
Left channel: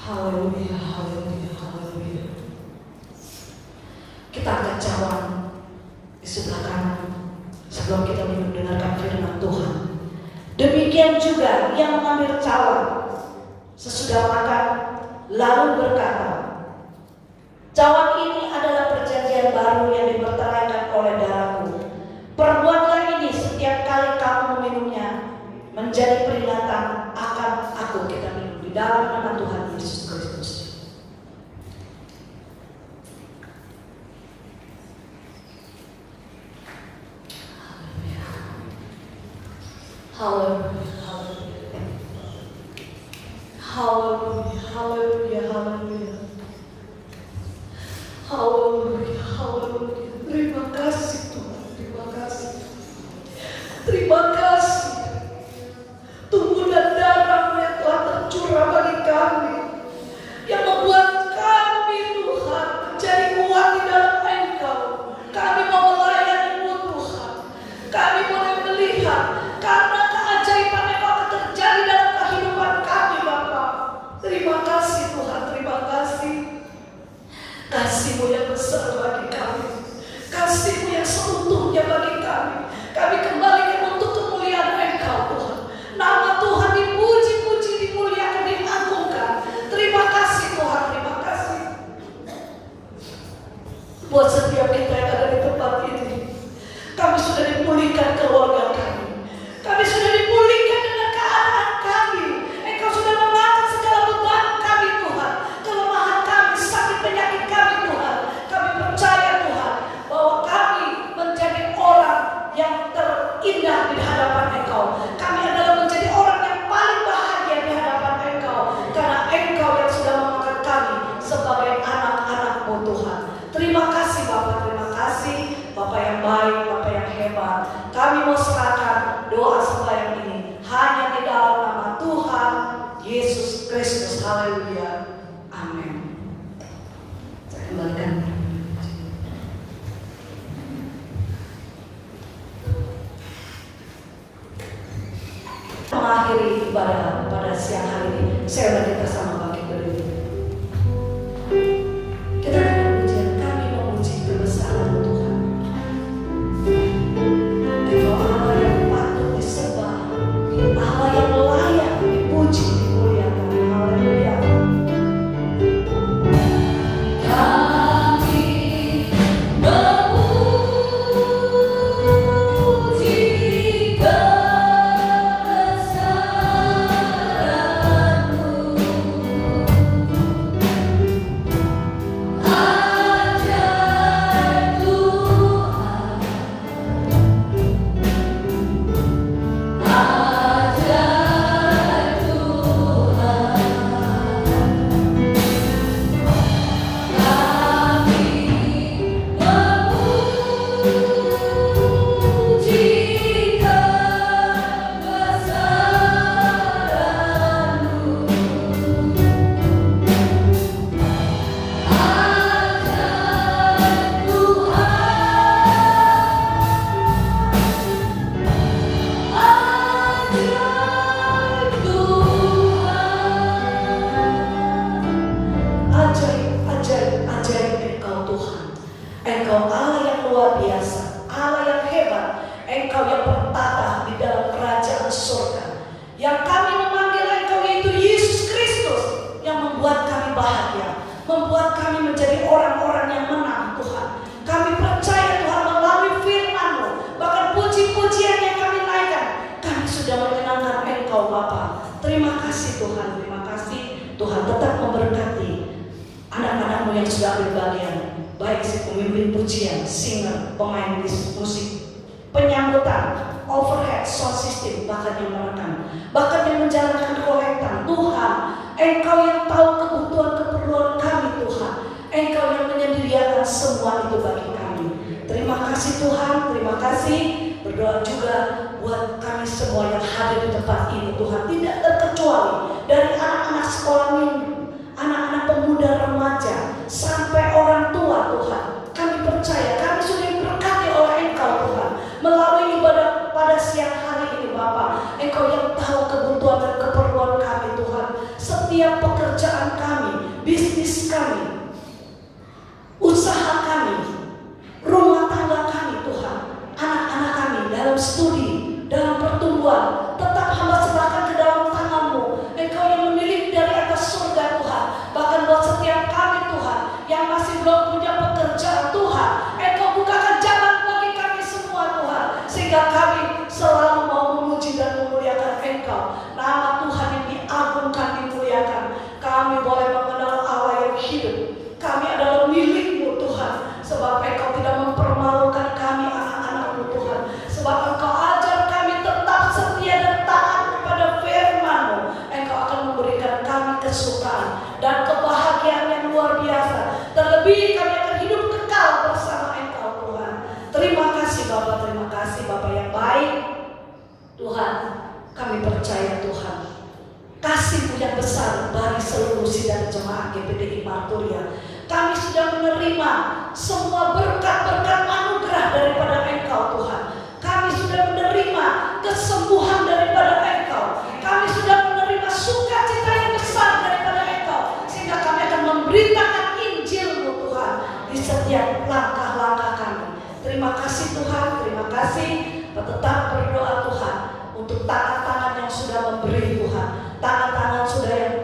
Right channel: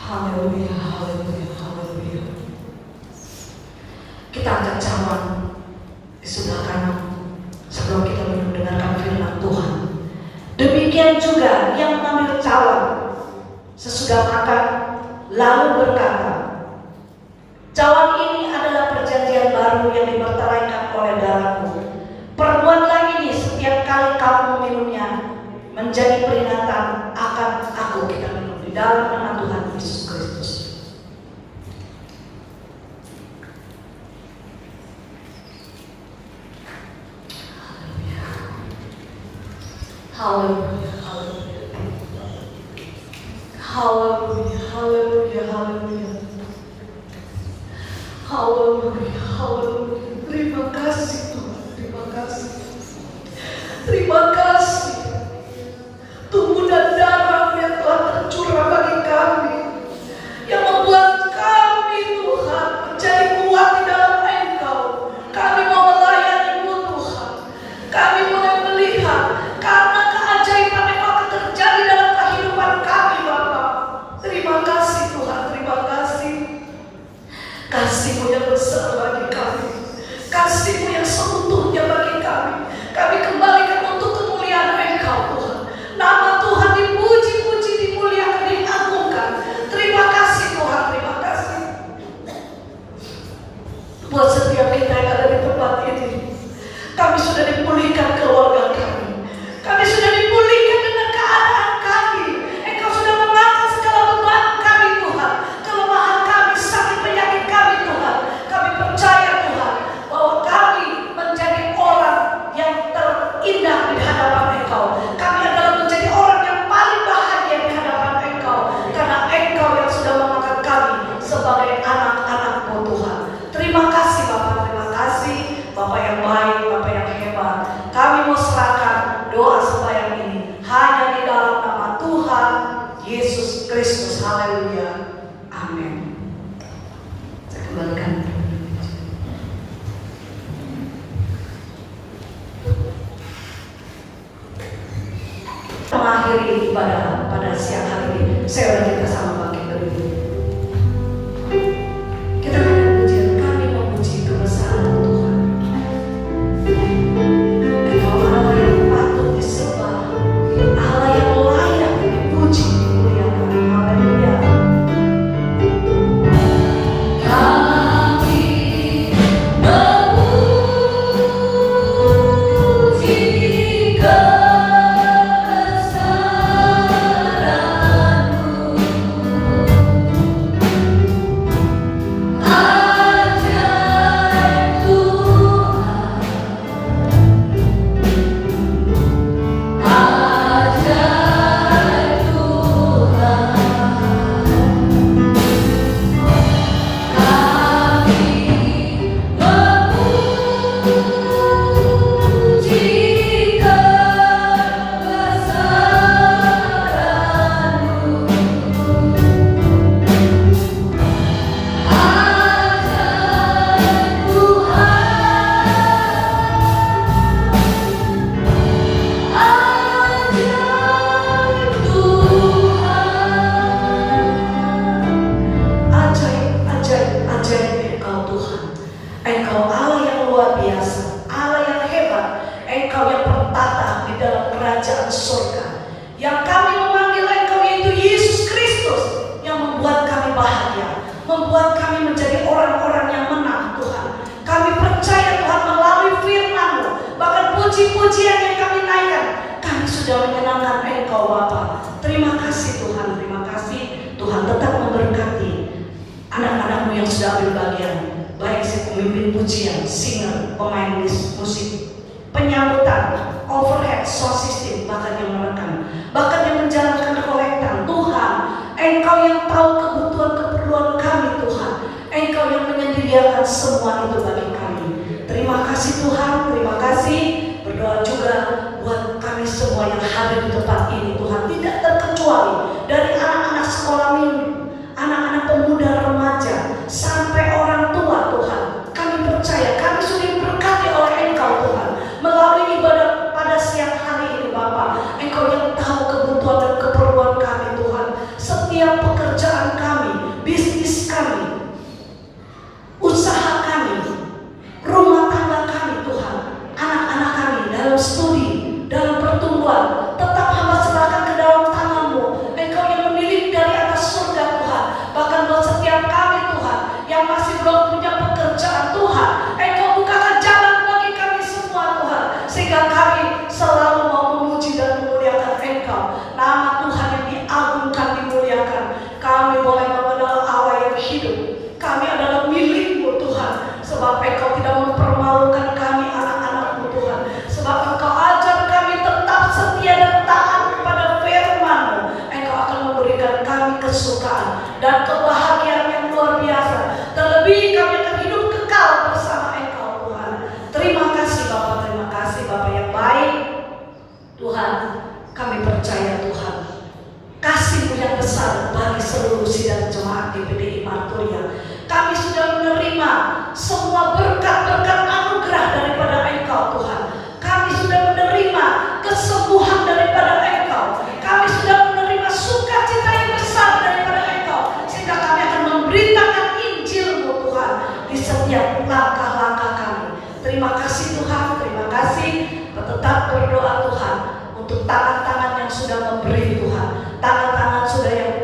Haleluya, haleluya, haleluya. Kita akan cawan di sebelah kanan sebelum kita mendengarkan firman Tuhan. Demikian juga yang mengambil cawan sesudah makan lalu berkata, cawan ini adalah perjanjian baru yang diperteraikan oleh darahku. Perbuatlah ini setiap kali kamu meminumnya menjadi peringatan akan aku. Kita minum di dalam nama Tuhan Yesus Kristus. Haleluya, haleluya, haleluya, haleluya, haleluya, haleluya, haleluya. Terima kasih Tuhan, terima kasih, terima kasih. Tubuh dan darah yang telah tercurah bagi kami, yang membuat kami Tuhan menjadi kuat di dalam Engkau. Kami mau melayani-Mu Tuhan, kami mau melihat karena keajaiban yang akan terjadi dalam kehidupan kami Bapa. Terima kasih Tuhan, terima kasih. Kasih-Mu yang besar bagi kami, kasih-Mu yang seutuhnya bagi kami. Kami kembalikan untuk kemuliaan Engkau Tuhan. Nama Tuhan dipuji-puji, dimuliakan, diagungkan. Terima kasih Tuhan, terima kasih. Buat setiap kita yang ada di tempat ini, kami sudah dipulihkan keluarga kami. Kami sudah dipulihkan dengan keadaan kami. Engkau sudah mengangkat segala beban kami Tuhan, kelemahan kami, sakit penyakit kami Tuhan. Kami percaya Tuhan bahwa kami menjadi orang yang terindah di hadapan Engkau. Kami adalah menjadi orang yang paling bahagia di hadapan Engkau, karena Engkau yang sudah mengangkat kami sebagai anak-anak-Mu Tuhan. Terima kasih Bapak, terima kasih Bapak yang baik, Bapak yang hebat. Kami mau serahkan doa sembahyang ini hanya di dalam nama Tuhan Yesus Kristus. Haleluya, amin. Saya kembalikan. Mengakhiri ibadah pada siang hari ini, saya udah kita sama bangkit dari dulu. Kita akan pujian, kami memuji kebesaran Tuhan. Engkau Allah yang patut disembah, Allah yang layak dipuji, dimuliakan. Haleluya. Kami memuji pujian yang kami naikkan, kami sudah menyenangkan Engkau Bapa. Terima kasih Tuhan, terima kasih Tuhan. Tetap memberkati anak-anakmu yang sudah ambil bagian, baik si pemimpin pujian, singer, pemain musik, penyambutan, overhead sound system, bahkan yang merekam, bahkan yang menjalankan kolektan. Tuhan, Engkau yang tahu kebutuhan-keperluan kami Tuhan. Engkau yang menyediakan semua itu bagi kami. Terima kasih Tuhan, terima kasih. Berdoa juga buat kami semua yang hadir di tempat ini Tuhan, tidak terkecuali dari anak-anak sekolah minggu, anak-anak pemuda remaja, sampai orang tua Tuhan. Kami percaya kami sudah diberkati oleh Engkau Tuhan melalui ibadah pada siang hari ini Bapa. Engkau yang tahu kebutuhan dan keperluan kami Tuhan. Setiap pekerjaan kami, bisnis kami, usaha kami, rumah tangga kami Tuhan, anak-anak kami dalam studi, dalam pertumbuhan, tetap hamba serahkan ke dalam tangan-Mu. Engkau yang memiliki dari atas surga Tuhan. Bahkan buat setiap kami Tuhan yang masih belum punya pekerjaan Tuhan, Engkau bukakan jalan bagi kami semua Tuhan, sehingga kami selalu mau memuji dan memuliakan Engkau. Nama Tuhan yang diagungkan, dimuliakan. Kami boleh mengenal Allah yang hidup. Kami adalah milik-Mu Tuhan, sebab Engkau tidak mempermalukan kami anak-anak-Mu Tuhan. Sebab Engkau ajar kami tetap setia dan taat kepada firman-Mu. Engkau akan memberikan kami kesukaan dan kebahagiaan yang luar biasa. Terlebih kami akan hidup kekal bersama Engkau Tuhan. Terima kasih Bapa, terima kasih Bapa yang baik. Tuhan, kami percaya Tuhan, kasih-Mu yang besar bagi seluruh sidang jemaat GPDI Marturia. Kami sudah menerima semua berkat-berkat anugerah daripada Engkau Tuhan. Kami sudah menerima kesembuhan daripada Engkau. Kami sudah menerima sukacita yang besar daripada Engkau, sehingga kami akan memberitakan Injil-Mu Tuhan di setiap langkah-langkah kami. Terima kasih Tuhan, terima kasih. Tetap berdoa Tuhan untuk tangan-tangan yang sudah memberi Tuhan, tangan-tangan sudah yang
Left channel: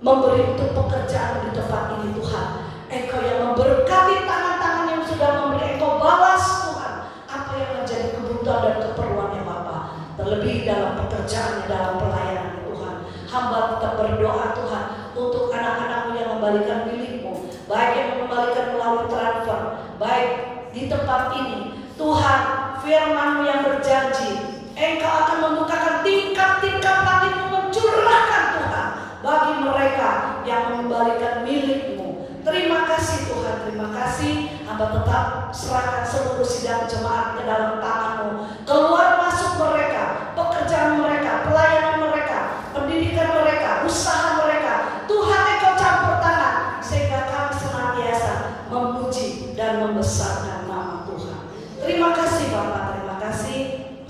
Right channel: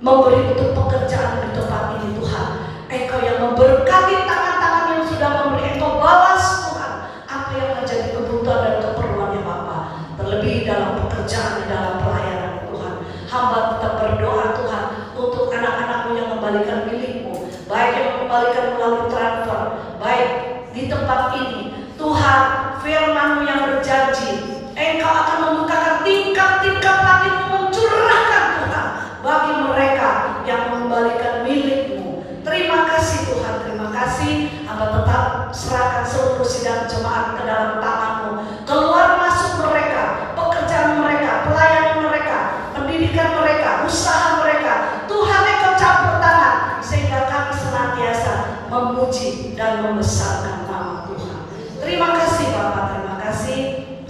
memberi untuk pekerjaan di tempat ini Tuhan. Engkau yang memberkati tangan-tangan yang sudah memberi. Engkau balas Tuhan apa yang menjadi kebutuhan dan keperluannya Bapa. Terlebih dalam pekerjaan, dalam pelayanan Tuhan. Hamba tetap berdoa Tuhan untuk anak-anak-Mu yang membalikan milik-Mu, baik yang membalikan melalui transfer, baik di tempat ini Tuhan. Firman-Mu yang berjanji, Engkau akan membukakan tingkat-tingkat hati-Mu, mencurahkan Tuhan bagi mereka yang mengembalikan milik-Mu. Terima kasih Tuhan, terima kasih. Hamba tetap serahkan seluruh sidang jemaat ke dalam tangan-Mu. Keluar masuk mereka, pekerjaan mereka, pelayanan mereka, pendidikan mereka, usaha mereka. Tuhan, Engkau campur tangan sehingga kami senantiasa memuji dan membesarkan nama Tuhan. Terima kasih Bapak, terima kasih.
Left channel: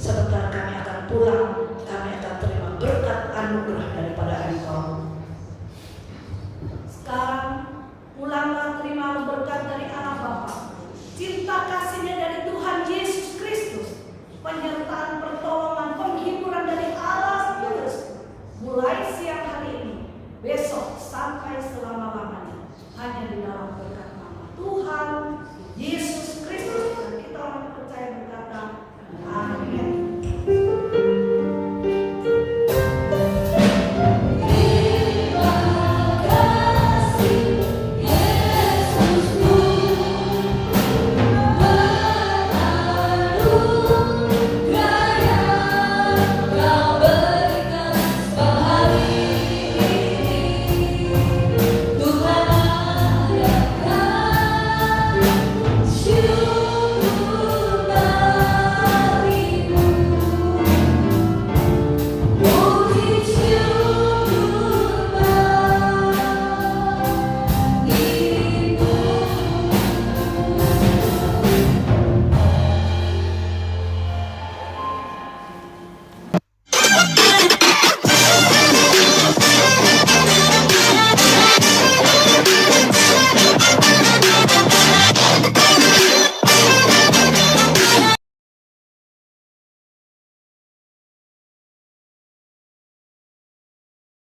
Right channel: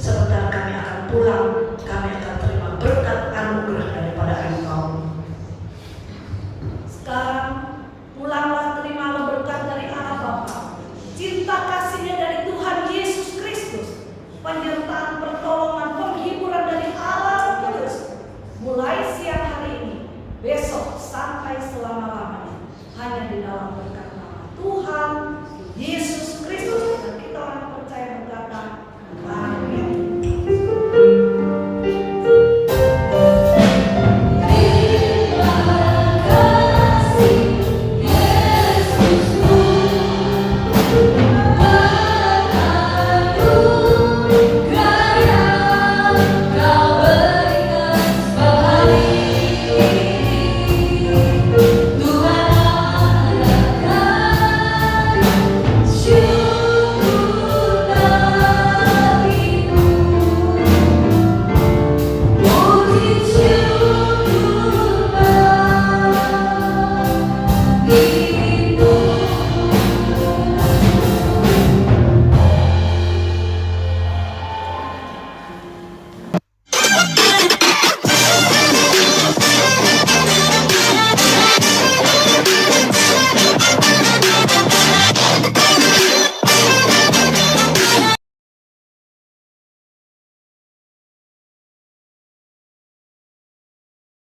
Sebentar kami akan pulang, kami akan terima berkat anugerah daripada Engkau. Sekarang pulanglah, terimalah berkat dari Allah Bapa, cinta kasih-Nya dari Tuhan Yesus Kristus, penyertaan pertolongan penghiburan dari Allah Kudus, mulai siang hari ini, besok sampai selama-lamanya, hanya di dalam berkat nama Tuhan Yesus Kristus. Dan kita orang percaya berkata, amin. You